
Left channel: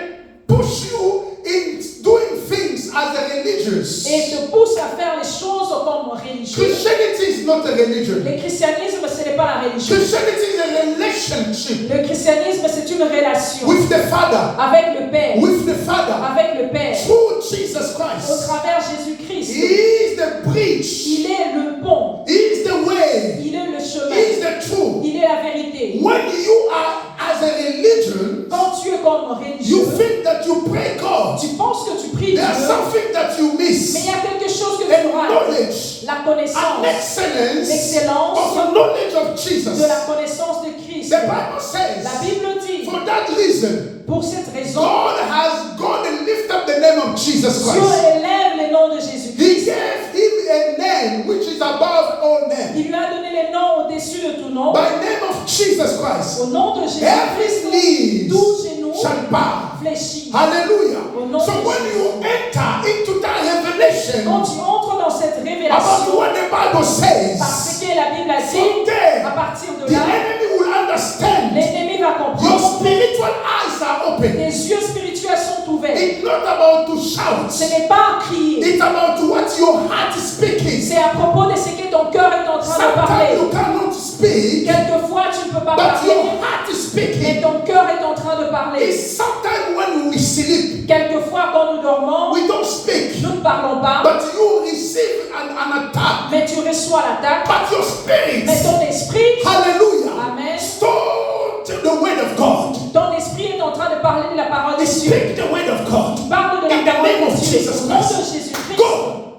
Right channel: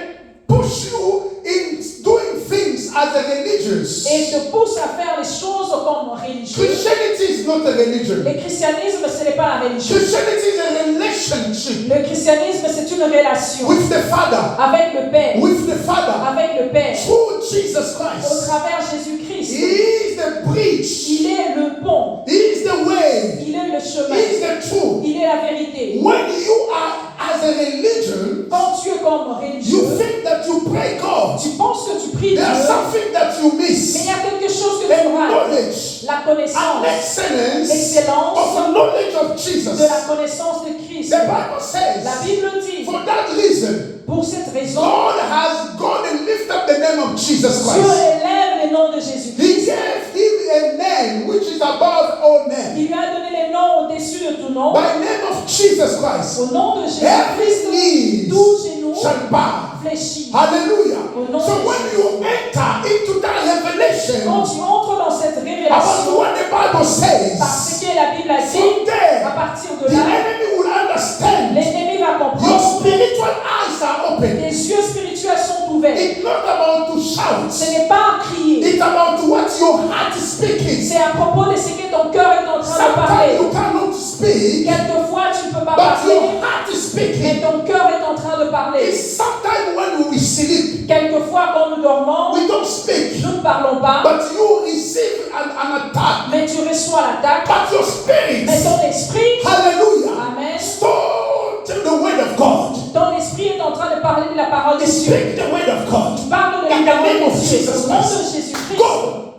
push you in doing things as a religious. et te pousse à faire les choses comme religieux. Christianity is not a religion. Le christianisme, ce n'est pas la religion. Christianity is a relationship Le christianisme, c'est une relation with the Father, avec le Père, with the Father, avec le Père, through Jesus au Christ. travers He Jésus-Christ. is the bridge. Il est le pont, He is the way. il est le He chemin, is the truth. il est la vérité. When you are as a religion, Quand tu es comme you religieux, think that you pray God. tu penses que tu pries Dieu, There's something that you mais il miss. y a quelque chose que tu The rates. knowledge La and connaissance, excellence l'excellence of the knowledge of Jesus. de la connaissance de Christ. The Bible La says, Bible dit, for that reason, pour cette raison, God has gone and lifted up the name of Jesus Dieu Christ. élève le nom de He Jésus-Christ. gave him a name which is above all names. Il lui a donné les noms au-dessus de tout nom. By the name of Jesus Christ, Au nom de every Jésus-Christ, knee tout genou shall bow. fléchit. Hallelujah. Au nom So de when Jésus. you enter into that Quand revelation tu entres dans cette about révélation, what the Bible parce says, que la Bible a dit, from à there, partir de the là, enemy will understand. l'ennemi va Your comprendre. spiritual eyes are open. Tes yeux spirituels sont ouverts. It's not about to shout. Ce n'est pas à crier. It's about what your heart is speaking. C'est à propos de ce que ton cœur est en train de Sometimes parler. you cannot speak, Quelquefois, tu ne peux pas but your parler, heart is mais speaking. ton cœur est en train de parler. It's sometimes when we sleep, Quelquefois, quand nous dormons, we don't speak, nous ne parlons pas, but you receive an attack. mais tu reçois l'attaque. But your spirit, Mais ton esprit, hallelujah, amen, store the word of God. ton esprit est en train de parler de la parole de Dieu. Speak the word of God. Tu parles de In la the parole name of de Dieu. Jesus Au nom de Christ. Jésus-Christ, Go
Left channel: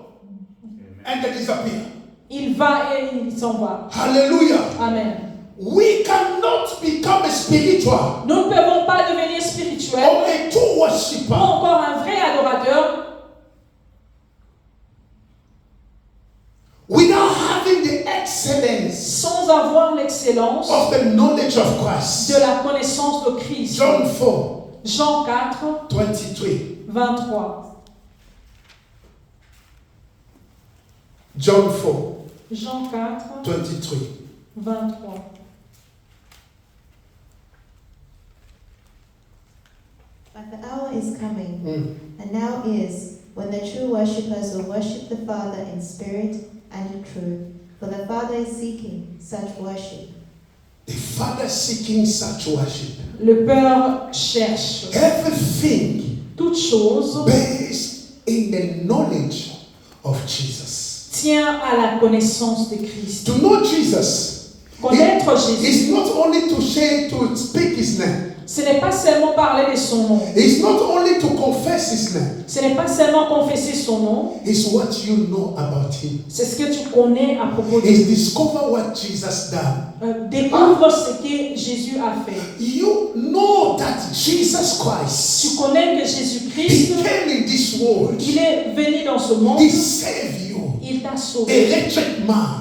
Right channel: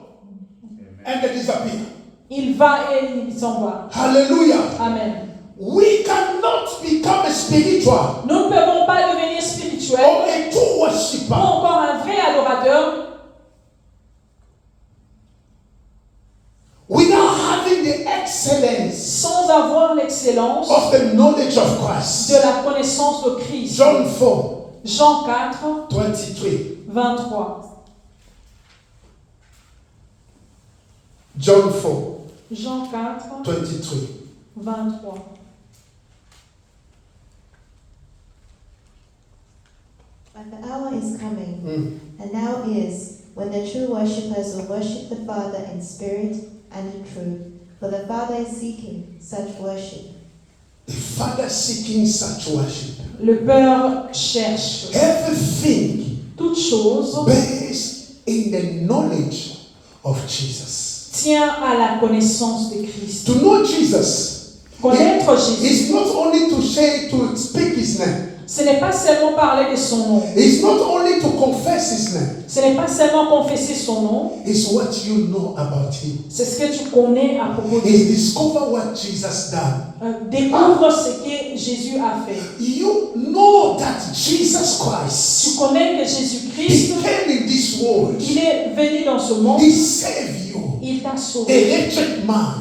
and they disappear. il va et il s'en va. Hallelujah. Amen. We cannot become a spiritual Nous ne pouvons pas devenir spirituels or a true ou worshiper encore un vrai adorateur without having the excellence sans avoir l'excellence of the knowledge of Christ. de la connaissance de Christ. John 4, Jean 4, 23. 23. John 4, Jean 4, 23. 23. But the hour is coming, and now is, when the true worshippers will worship the Father in spirit and in truth, for the Father is seeking such worship. The Father seeking such worship. Le Père cherche Everything toute chose based in the knowledge of Jesus. tient à la connaissance de Christ. To know Jesus Connaître Jésus, is not only to say, to speak his name. ce n'est pas seulement parler de son nom. It's not only to confess his name. Ce n'est pas seulement confesser son nom. It's what you know about him. C'est ce que tu connais à propos de It's discover what Jesus done. Découvre ce que Jésus a fait. You know that Jesus Christ, Tu connais que he Jésus-Christ, came in this world. il est venu dans ce monde. He saved you. Il t'a t'a a sauvé. wretched man.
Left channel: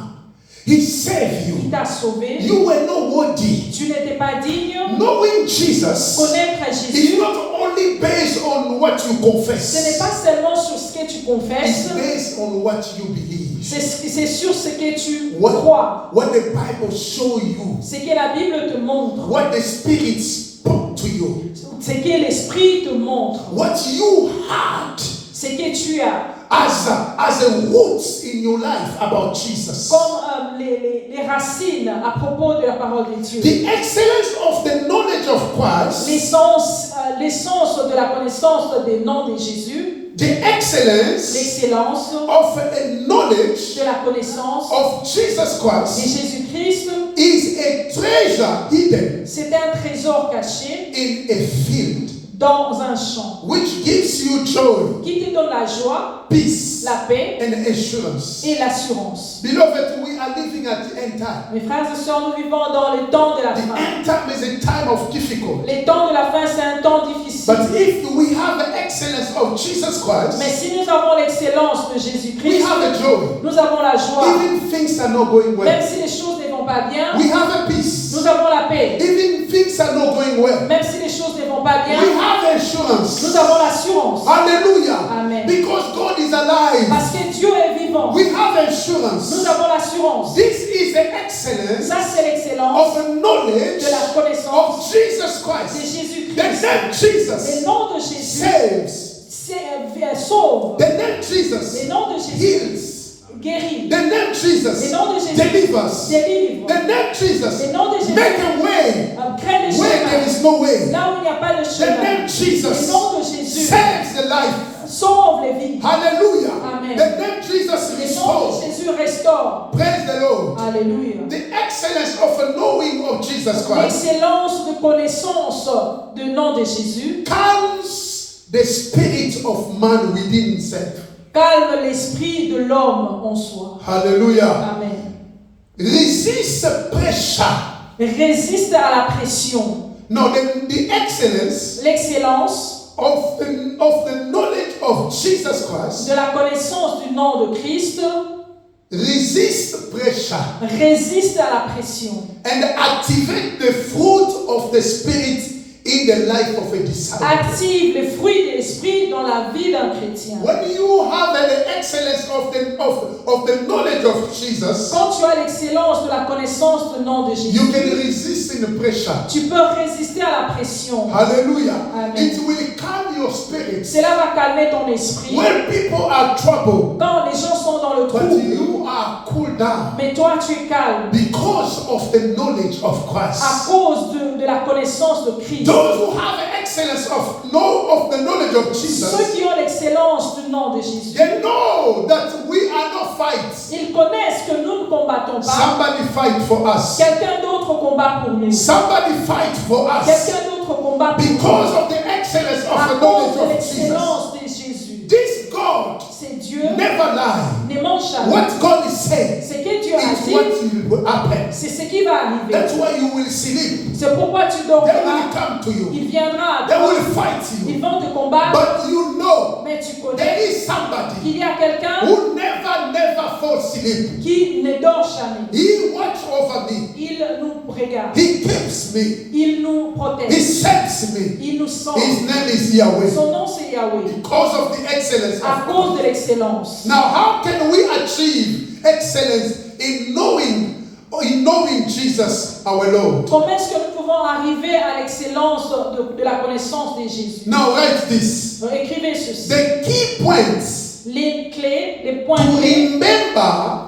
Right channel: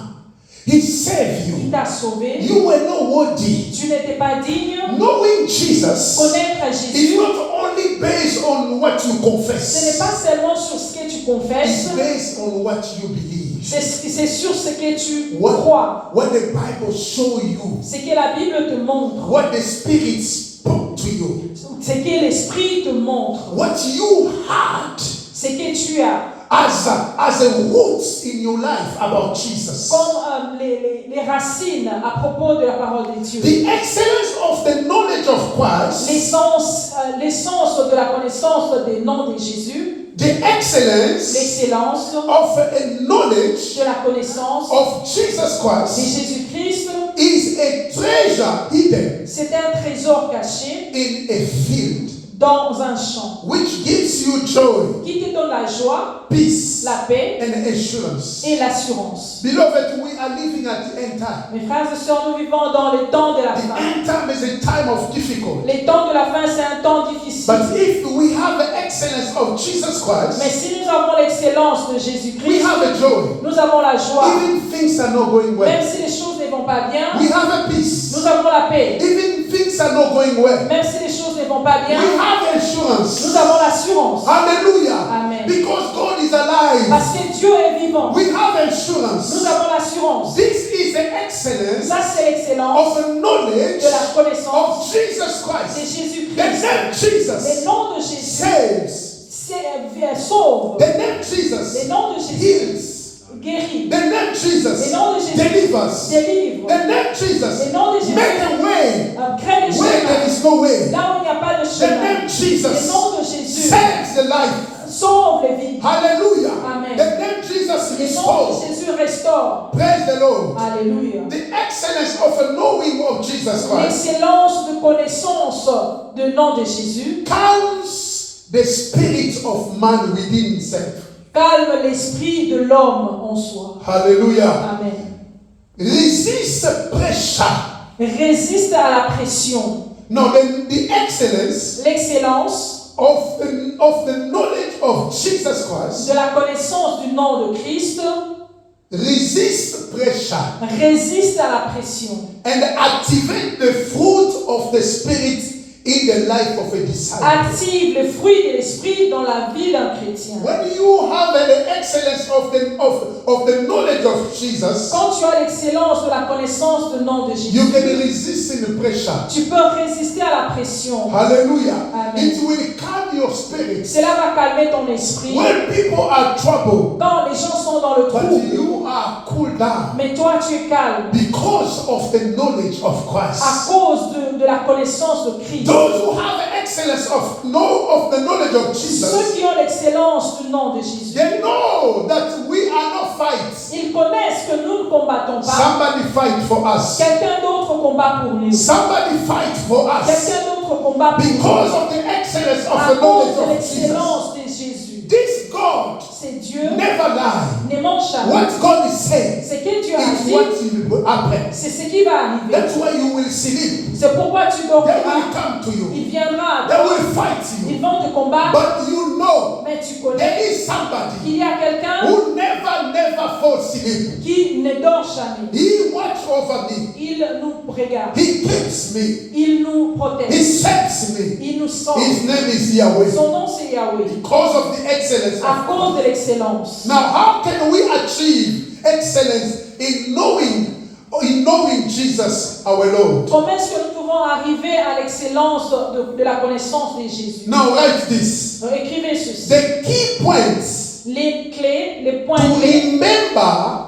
He saved Il you. t'a sauvé. You were not worthy. Tu n'étais pas digne. Knowing Jesus Connaître is Jésus, not only based on what you ce n'est confess, pas seulement sur ce que tu it's confesses, based on what you believe. c'est sur ce que tu What, crois. what the Bible shows you, Ce que la Bible te montre. what the Spirit spoke to you, Ce que l'Esprit te montre. what you had Ce que tu as. as a roots in your life about Jesus. Comme les racines à propos de la parole de Dieu. The excellence of the knowledge of Christ, L'essence de la connaissance des noms de Jésus. the excellence L'excellence of a knowledge de la connaissance of Jesus de Christ Jésus-Christ. is a treasure hidden C'est un trésor caché in a field, dans un champ which gives you joy, qui te donne la joie, peace, la paix and assurance. et l'assurance. Beloved, we are living at the end time. Mes frères et sœurs, nous vivons dans les temps de la The fin. end time is a time of difficulty. Les temps de la fin, c'est un temps difficile. But if we have the excellence of Jesus Mais Christ, si nous avons l'excellence de we Jésus-Christ, have a joy. nous avons la joie. Even things are not going Même well, si les choses ne vont pas bien, we have a peace. nous avons la paix. Even things are not going well, Même si les choses ne vont pas bien, we have assurance. nous avons l'assurance. Hallelujah. Amen. Because God is alive, Parce que Dieu est vivant. we have Nous assurance. avons l'assurance. This is the excellence Ça, c'est l'excellence of a knowledge de la connaissance of Jesus de Christ. Jésus-Christ. The name Le Jesus nom de Jésus sauve. The name Jesus Le nom de Jésus heals. guérit. The name Jesus Le nom de Jésus delivers. délivre. The name Jesus Le nom de Jésus make a way crée des where there chemins. is no way. Là où il n'y a pas de The chemin. name Le Jesus nom de Jésus saves the life. sauve les vies. Hallelujah. Amen. The name Jesus Le nom de restores. Jésus restaure. Praise the Lord. Alléluia. The excellence of a knowing of Jesus Christ L'excellence de connaissance du nom de Jésus calms the spirit of man within himself. calme l'esprit de l'homme en soi. Hallelujah. Amen. Resist pressure. Résiste à la pression. No, the excellence L'excellence of the knowledge of Jesus Christ de la connaissance du nom de Christ resist pressure résiste à la pression and activate the fruit of the spirit in the life of a disciple. active les fruits de l'esprit dans la vie d'un chrétien. When you have the excellence of the knowledge of Jesus, Quand tu as l'excellence de la connaissance du nom de Jésus, you can resist in the pressure. tu peux résister à la pression. Hallelujah. Amen. It will calm your spirit. Cela va calmer ton esprit. When people are troubled, Quand les gens sont dans le but trouble, you are cooled down mais toi tu es calme because of the knowledge of à Christ. cause de la connaissance de Christ. Those who have the excellence of the knowledge of Ceux Jesus, qui ont l'excellence du nom de Jésus, they know that we are not fighting. ils connaissent que nous ne combattons pas. Somebody fight for us. Quelqu'un d'autre combat pour nous. Somebody fight for us Quelqu'un d'autre combat pour nous. because of the excellence of À the cause knowledge de of Jesus. l'excellence de Jésus. This God C'est Dieu never lie. ne ment jamais. What God is saying Ce que Dieu a is what dit, will happen. c'est ce qui va arriver. That's why you will sleep. C'est pourquoi tu They dormiras. will come to you. Il viendra. They will fight Ils you. vont te combattre. But you know Mais tu there connais is somebody qu'il y a quelqu'un who never falls asleep. qui ne dort jamais. He watch over me. Il nous regarde. He keeps me. Il nous He protège. saves me. Il nous sauve. His name is Yahweh. Son nom c'est Yahweh. Because of the excellence À of cause de l'excellence. Now, how can we achieve excellence in knowing Jesus our Lord? Comment est-ce que nous pouvons arriver à l'excellence de la connaissance de Jésus? Now, write this. Donc, écrivez ceci. The key points Les clés, les points to clés, remember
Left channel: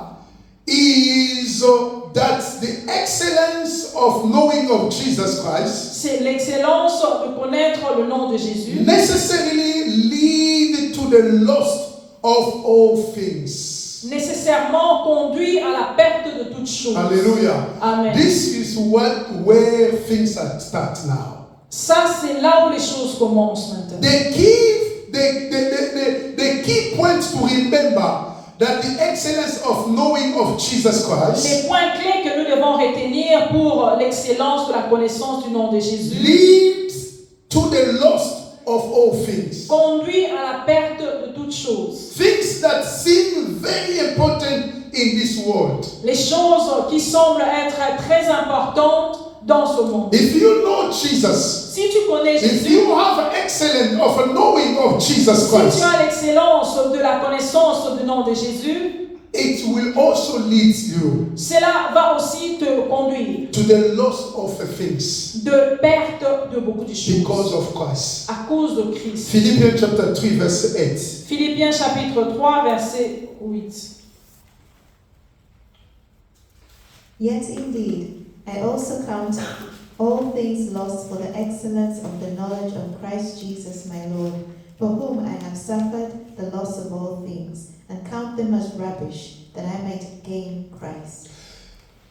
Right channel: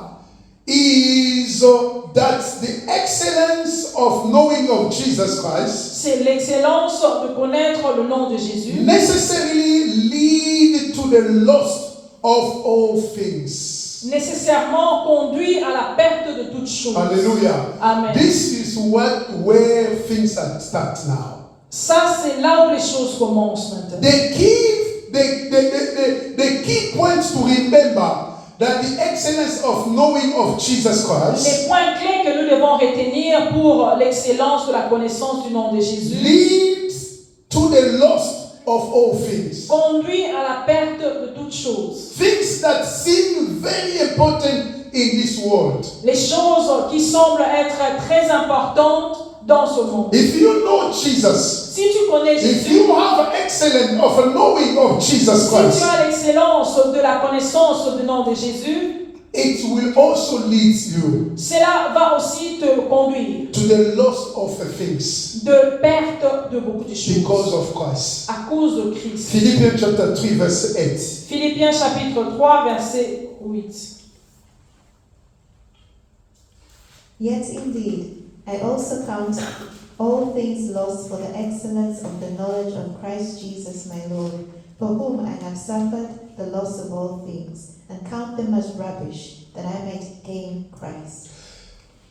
is that the excellence of knowing of Jesus Christ c'est l'excellence de connaître le nom de Jésus. necessarily lead to the loss of all things. Nécessairement conduit à la perte de toutes choses. Hallelujah. Amen. This is where things start now. Ça, c'est là où les choses commencent maintenant. The key points to remember that the excellence of knowing of Jesus Christ Les points clés que nous devons retenir pour l'excellence de la connaissance du nom de Jésus leads to the loss of all things. conduit à la perte de toutes choses. Things that seem very important in this world. Les choses qui semblent être très importantes dans ce monde. If you know Jesus, Si tu connais if Jésus, you have excellence of a knowing of Jesus si tu Christ, as l'excellence de la connaissance du nom de Jésus, it will also lead you cela va aussi te conduire to the loss of things de perte de beaucoup de choses because of Christ. à cause de Christ. Philippians chapter 3 verse 8. Philippiens chapitre 3 verset 8. Yet indeed, I also count all things lost for the excellence of the knowledge of Christ Jesus my Lord, for whom I have suffered the loss of all things, and count them as rubbish, that I might gain Christ.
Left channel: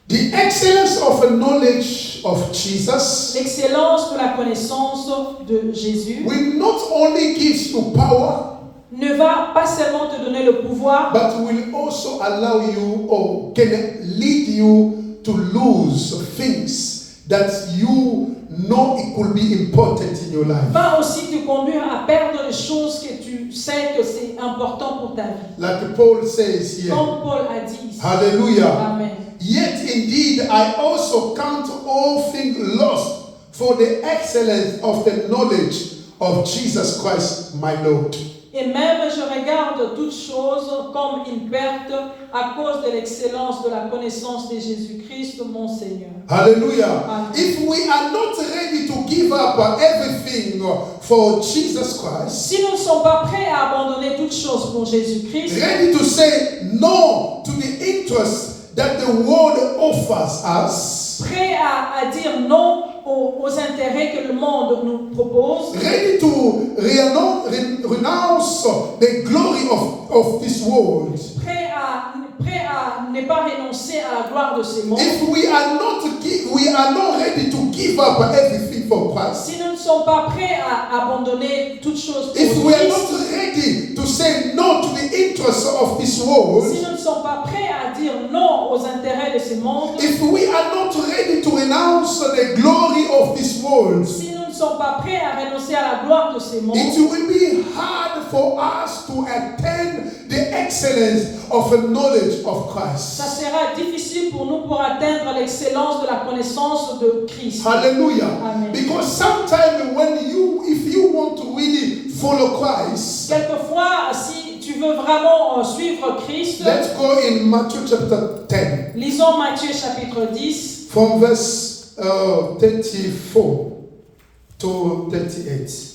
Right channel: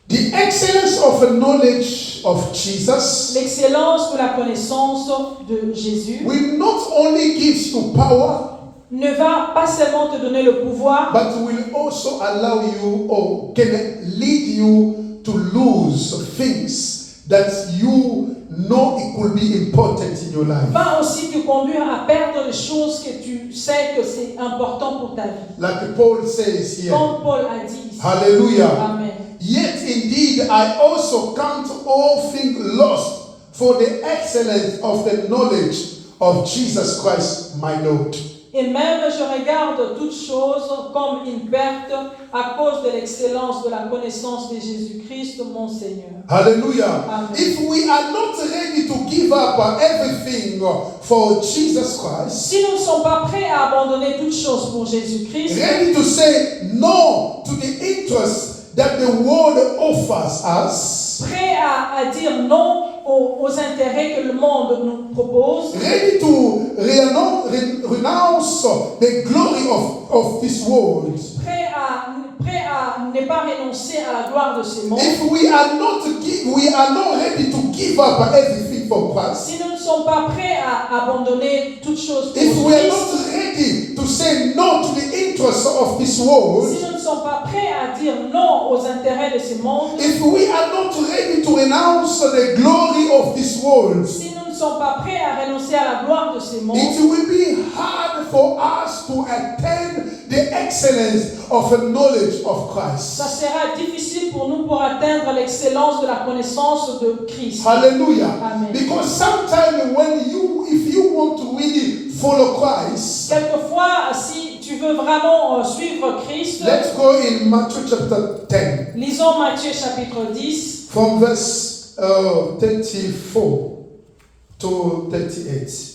The excellence of a knowledge of Jesus L'excellence de la connaissance de Jésus will not only give you power, ne va pas seulement te donner le pouvoir, but will also allow you or can lead you to lose things that you know it could be important in your life. va aussi te conduire à perdre les choses que tu sais que c'est important pour ta vie. Like Paul says here. Comme Paul a dit ici. Hallelujah. Amen. Yet indeed I also count all things lost for the excellence of the knowledge of Jesus Christ my Lord. Et même je regarde toutes choses comme une perte à cause de l'excellence de la connaissance de Jésus-Christ, mon Seigneur. Hallelujah. Amen. If we are not ready to give up everything for Jesus Christ, Si nous ne sommes pas prêts à abandonner toutes choses pour Jésus-Christ, ready to say no to the interest that the world offers us, prêts à dire non aux intérêts que le monde nous propose, ready to renounce the glory of this world, prêts à ne pas renoncer à la gloire de ce monde, if we are not ready to give up everything for Christ, si nous ne sommes pas prêts à abandonner toutes choses pour if we are Christ, not ready to say no to the interests of this world, si nous ne sommes pas prêts à dire non aux intérêts de ce monde, if we are not ready to renounce the glory of this world, si nous ne sommes pas prêts à renoncer à la gloire de ce monde, it will be hard for us to attain the excellence of a knowledge of ça Christ. sera difficile pour nous pour atteindre l'excellence de la connaissance de Christ. Hallelujah. Amen. Because sometimes if you want to really follow Christ, Quelquefois, si tu veux vraiment suivre Christ, let's go in Matthew chapter 10 lisons Matthieu chapitre 10, from verse 34 to 38.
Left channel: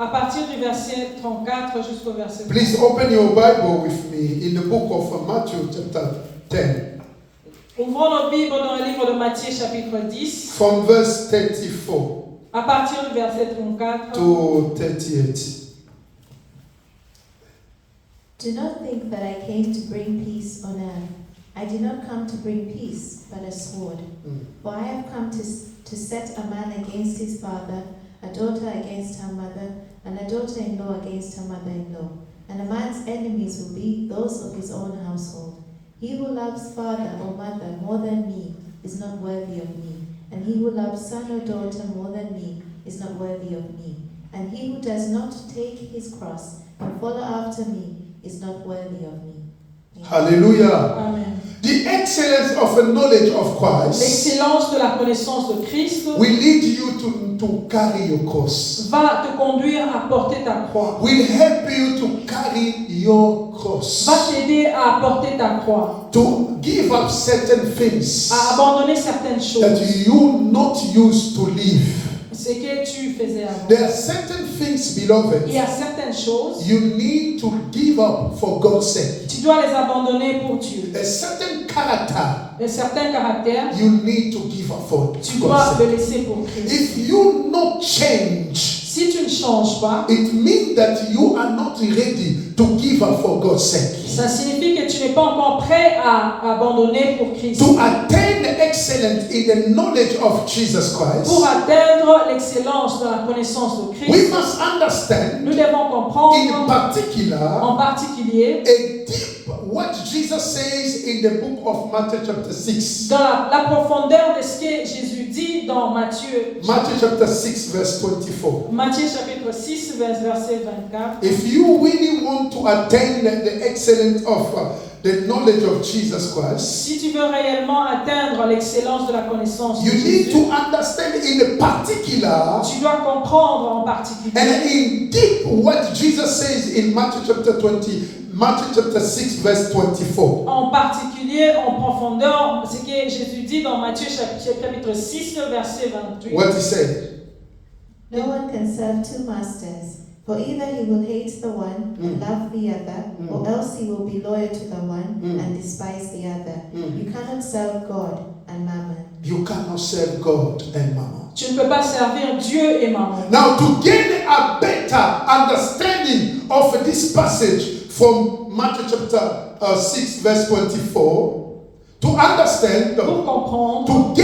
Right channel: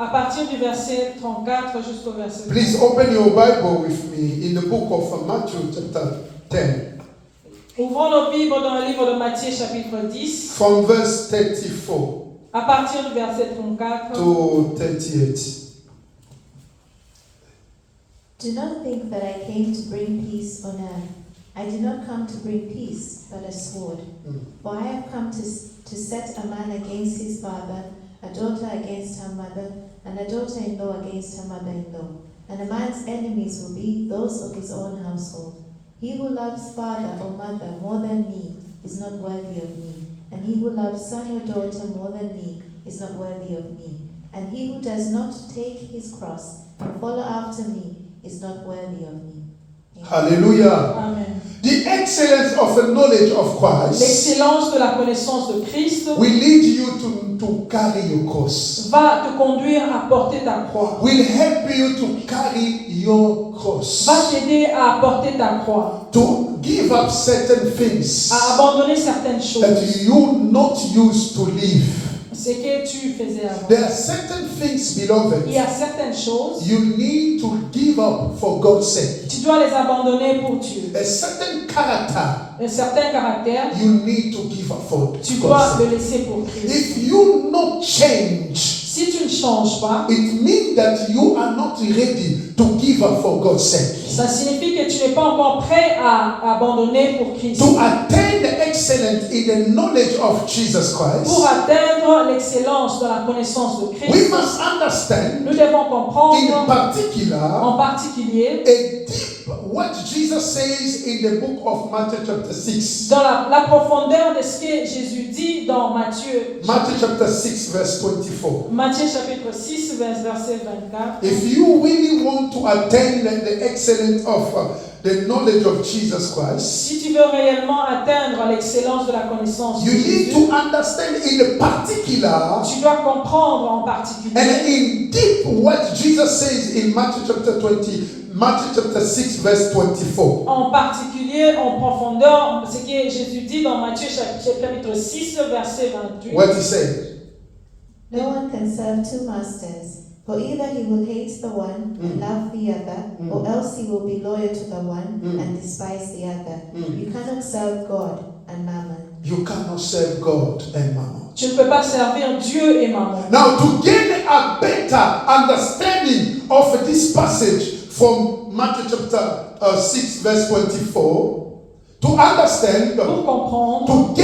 à partir du verset 34 jusqu'au verset 30. Please open your Bible with me in the book of Matthew chapter 10 Ouvrons nos Bibles dans le livre de Matthieu chapitre 10, from verse 34 à partir du verset 34 to 38. Do not think that I came to bring peace on earth. I did not come to bring peace, but a sword. For I have come to set a man against his father, a daughter against her mother, and a daughter-in-law against her mother-in-law. And a man's enemies will be those of his own household. He who loves father or mother more than me is not worthy of me, and he who loves son or daughter more than me is not worthy of me. And he who does not take his cross and follow after me is not worthy of me. Amen. Hallelujah. Amen. The excellence of the knowledge of Christ L'excellence de la connaissance de Christ will lead you to carry your cross. va te conduire à porter ta croix, Will help you to carry your cross. va t'aider à porter ta croix, To give up certain things à abandonner certaines that choses, you not used to live. ce que tu faisais avant. There are certain things, Il y beloved, a certaines choses, you need to give up for God's sake. tu dois les abandonner pour Dieu. A certain character Un certain caractère, you need to give up for tu God's dois sake. le laisser pour Christ. If you not change, Si tu ne changes pas, it means that you are not ready to give up for God's sake. ça signifie que tu n'es pas encore prêt à abandonner pour Christ. To attain the excellence in the knowledge of Jesus Pour Christ, atteindre l'excellence dans la connaissance de we Christ, must understand nous devons in comprendre particular en particulier a deep what Jesus says in the book of Matthew chapter 6. dans la profondeur de ce que Jésus dit dans Matthieu. Matthew chapter 6 verse 24. Matthieu chapitre 6, verset 24. If you really want to attain the excellence of the knowledge of Jesus Christ, Si tu veux réellement atteindre l'excellence de la connaissance de you need Jésus, to understand in the particular tu dois comprendre en particulier and in deep what Jesus says in Matthew chapter 6, verse 24. en particulier, en profondeur, ce que Jésus dit dans Matthieu chapitre 6, verset 28. What he said. No one can serve two masters, for either he will hate the one and love the other, or else he will be loyal to the one and despise the other. You cannot serve God and mammon. You cannot serve God and Mammon. Tu ne peux pas servir Dieu et Mammon. Now, to gain a better understanding of this passage from Matthew chapter 6, verse 24, to understand, Pour comprendre, to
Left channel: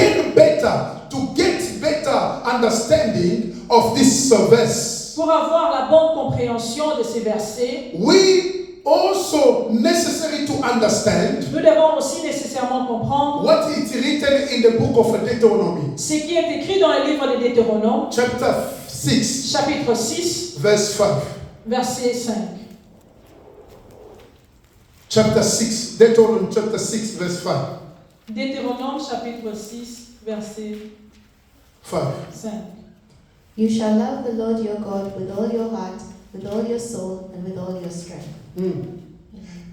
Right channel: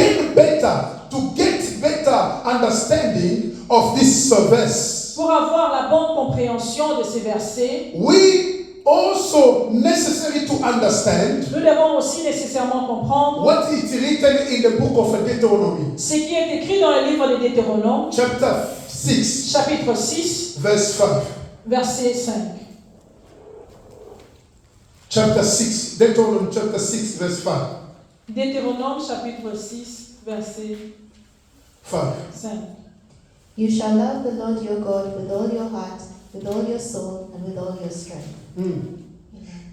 get better understanding of this verse, pour avoir la bonne compréhension de ces versets, we also necessary to understand nous devons aussi nécessairement comprendre what is written in the book of Deuteronomy, ce qui est écrit dans le livre de Deutéronome, chapter 6, chapitre 6, verse 5. verset 5. Chapter 6, Deuteronomy chapter 6, verse 5. Deutéronome, chapitre 6, verset 5. 5. You shall love the Lord your God with all your heart, with all your soul, and with all your strength.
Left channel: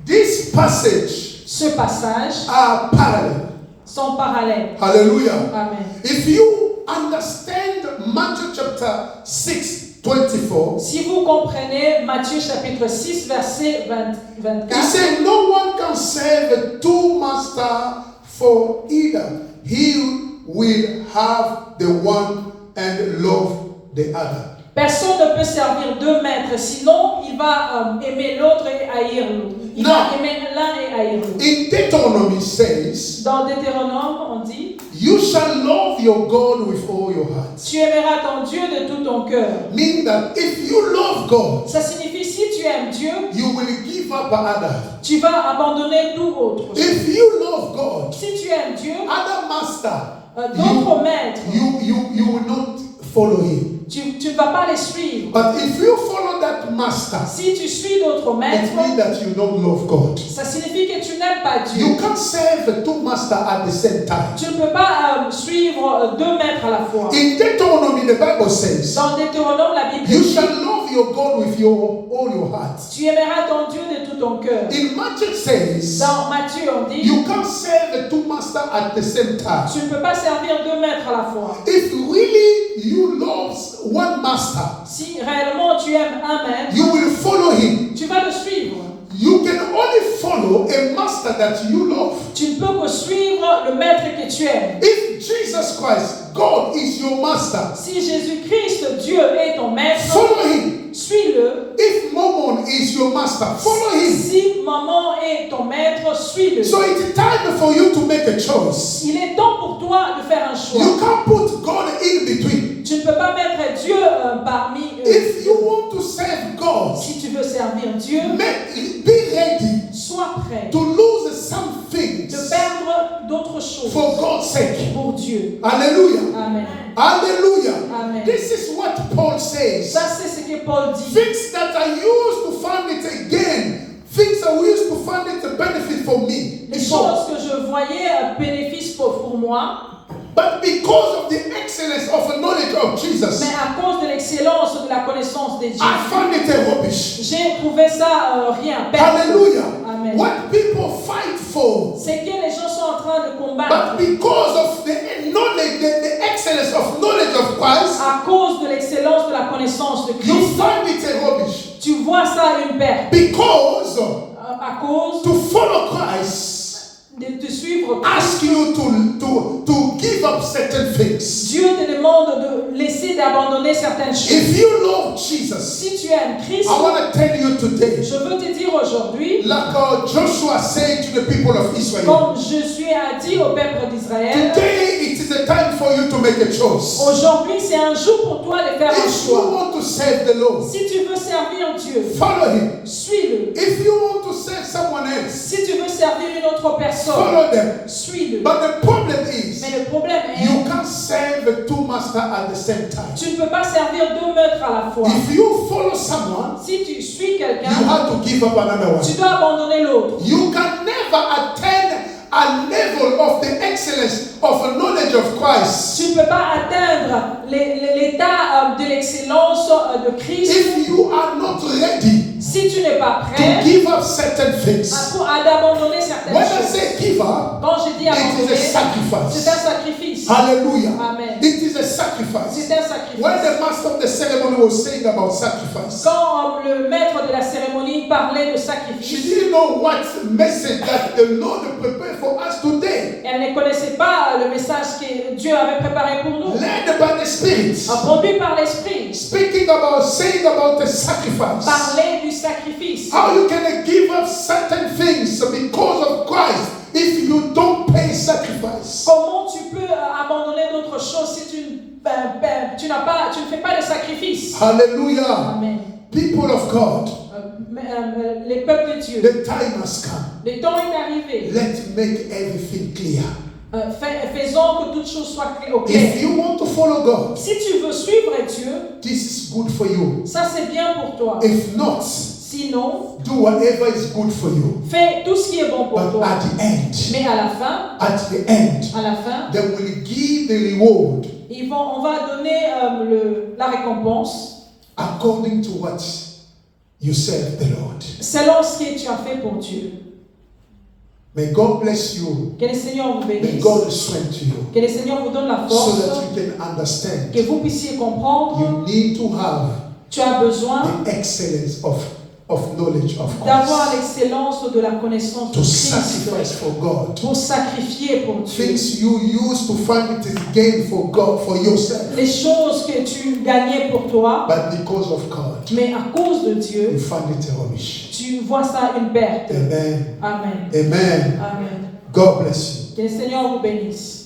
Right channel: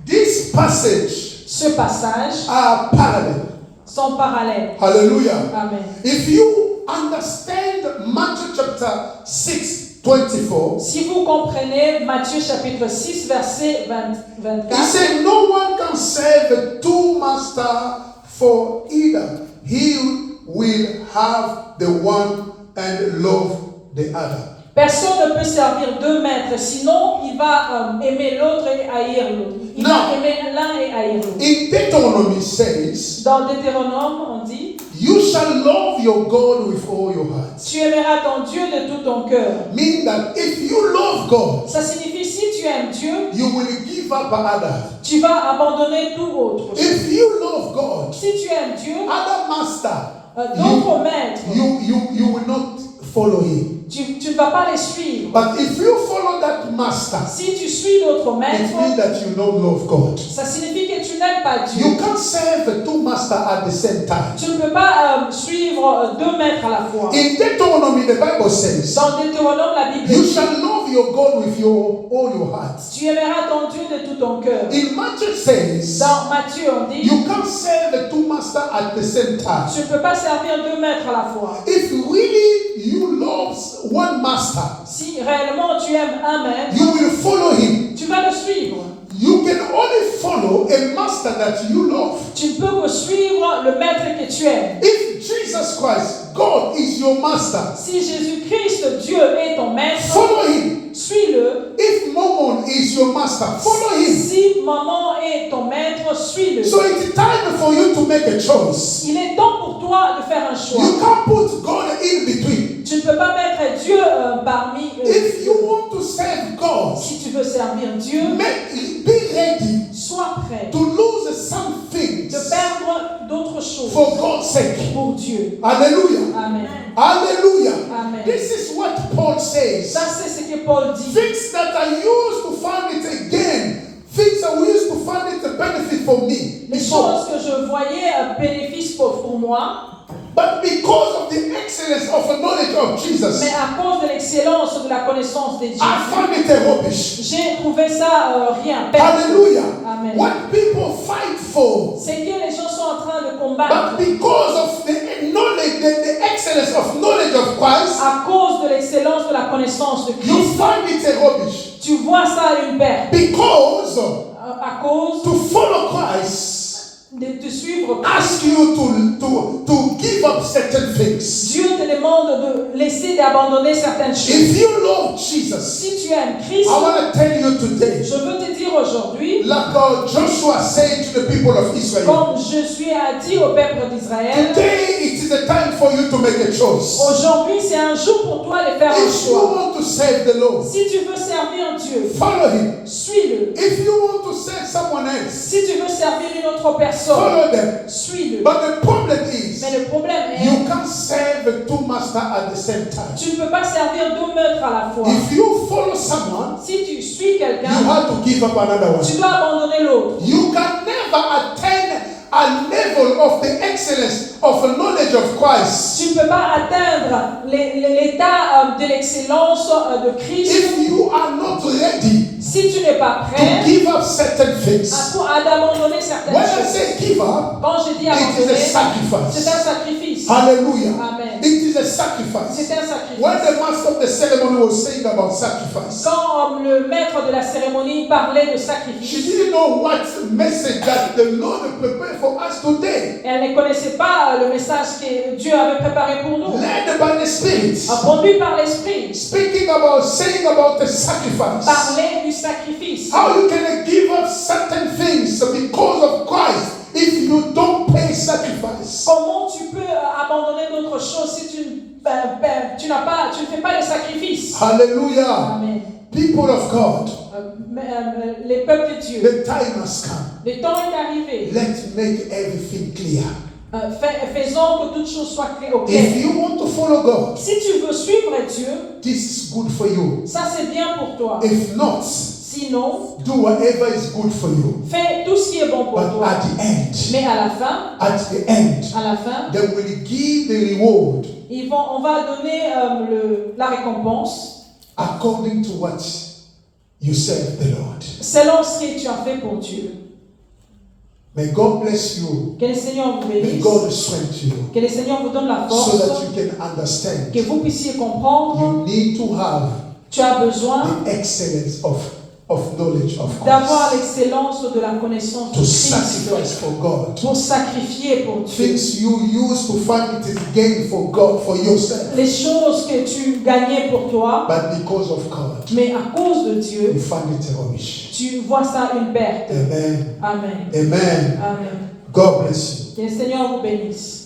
This passage Ce passage are parallel. sont parallèles. Hallelujah. Amen. If you understand Matthew chapter 6, 24, Si vous comprenez Matthieu chapitre 6, verset he 24, said, no one can serve two masters, for either he will have the one and love the other. personne ne peut servir deux maîtres, sinon il va aimer l'autre et haïr l'autre. Il va aimer l'un et haïr l'autre. In Deuteronomy says, Dans Deutéronome, on dit, you shall love your God with all your heart. tu aimeras ton Dieu de tout ton cœur. Mean that if you love God, Ça signifie si tu aimes Dieu, you will give up other. tu vas abandonner tout autre. If you love God, Si tu aimes Dieu, other master, d'autres maîtres, you will not follow him. tu ne vas pas les suivre. But if you follow that master, Si tu suis d'autres it maîtres, means that you don't love God. ça signifie que tu n'aimes pas Dieu. You can't serve two masters at the same time. Tu ne peux pas suivre deux maîtres à la fois. In Deuteronomy, the Bible says, Dans Deutéronome, la Bible you dit, shall love your God with all your heart. tu aimeras ton Dieu de tout ton cœur. In Matthew says, Dans Matthieu, on dit, you can't serve two masters at the same time. tu ne peux pas servir deux maîtres à la fois. If really you love one master, Si réellement tu aimes un maître, you will follow him. tu vas le suivre. You can only follow a master that you love. Tu ne peux que suivre le maître que tu aimes. If Jesus Christ, God, is your master, Si Jésus-Christ, Dieu est ton maître, follow him. suis-le. If Mammon is your master, follow him. Si maman est ton maître, suis-le. So it's time for you to make a choice. Il est temps pour toi de faire un choix. You can't put God in between. Tu ne peux pas mettre Dieu parmi eux. If you want to serve God, Si tu veux servir Dieu, be ready sois prêt to lose some de things perdre d'autres choses for God's sake. pour Dieu. Hallelujah. Amen. Hallelujah. Amen. This is what Paul says. Ça, c'est ce que Paul dit. Things that I used to find it again, things that we used to find it a benefit for me Les before. choses que je voyais bénéfice pour moi, But because of the excellence of the knowledge of Jesus, mais à cause de l'excellence de la connaissance de Dieu, I found it a rubbish. j'ai trouvé ça rien. Perdre. Hallelujah. Amen. What people fight for, C'est que les gens sont en train de but combattre because of the knowledge, the excellence of knowledge of Christ, à cause de l'excellence de la connaissance de you Christ. find it a rubbish. Tu vois ça une perte. Because À cause to follow Christ de te suivre Christ. ask you to give up certain things. Dieu te demande de laisser d'abandonner certaines choses. If you love Jesus, Si tu aimes Christ, I want to tell you today, je veux te dire aujourd'hui, like Joshua said to the people of Israel, comme je suis à dire au peuple d'Israël, today it is a time for you to make a choice. aujourd'hui c'est un jour pour toi de faire un If you choix. want to serve the Lord, Si tu veux servir Dieu, follow him. suis-le. If you want to serve someone else, Si tu veux servir une autre personne, follow them. suis-le. But the problem is, Mais le problème you est, can't serve two masters at the same time. tu ne peux pas servir deux maîtres à la fois. If you follow someone, Si tu suis you quelqu'un, have to give up another tu one. dois abandonner l'autre. You can never excellence of knowledge of Christ, Tu ne peux pas atteindre l'état de l'excellence de Christ if you are not ready si tu n'es pas to prêt give up certain things. à d'abandonner certaines When I choses. say give up, Quand je dis it is a abandonner, c'est sacrifice. un sacrifice. Hallelujah. Amen. It is a sacrifice. C'est un sacrifice. When the master of the ceremony was saying about sacrifice, Quand le maître de la cérémonie parlait de she sacrifice, didn't know what message that the Lord prepared for us today. elle ne connaissait pas le message que Dieu avait préparé pour nous. Led by the Spirit, Conduit par l'Esprit, speaking about, saying about the sacrifice. parler du sacrifice. How you can give up certain things because of Christ if you don't pay sacrifice. Comment tu peux abandonner d'autres choses si tu ne fais pas de sacrifice? Hallelujah. Amen. People of God, Les peuples de Dieu, the time has come. le temps est arrivé. Let's make everything clear. Faisons que toutes choses soient claires. If you want to follow God, Si tu veux suivre Dieu, this is good for you. ça c'est bien pour toi. If not, Sinon, do whatever is good for you. fais tout ce qui est bon pour But toi. at the end, Mais à la fin, at la fin, they will give the reward on va donner la récompense according to what you serve the Lord. selon ce que tu as fait pour Dieu. May God bless you. Que le Seigneur vous May bénisse. God strengthen you Que le Seigneur vous donne la so force. that you can understand. Que vous puissiez comprendre. You need to have Tu as besoin the excellence of knowledge of d'avoir Christ l'excellence de la connaissance de to Christ sacrifice for God. pour sacrifier pour Dieu. Things you use to find it is gain for God, for yourself. Les choses que tu gagnais pour toi, But because of God, mais à cause de you Dieu, find it rubbish. tu vois ça une perte. Amen. Amen. Amen. Amen. God bless you. Que le Seigneur vous bénisse.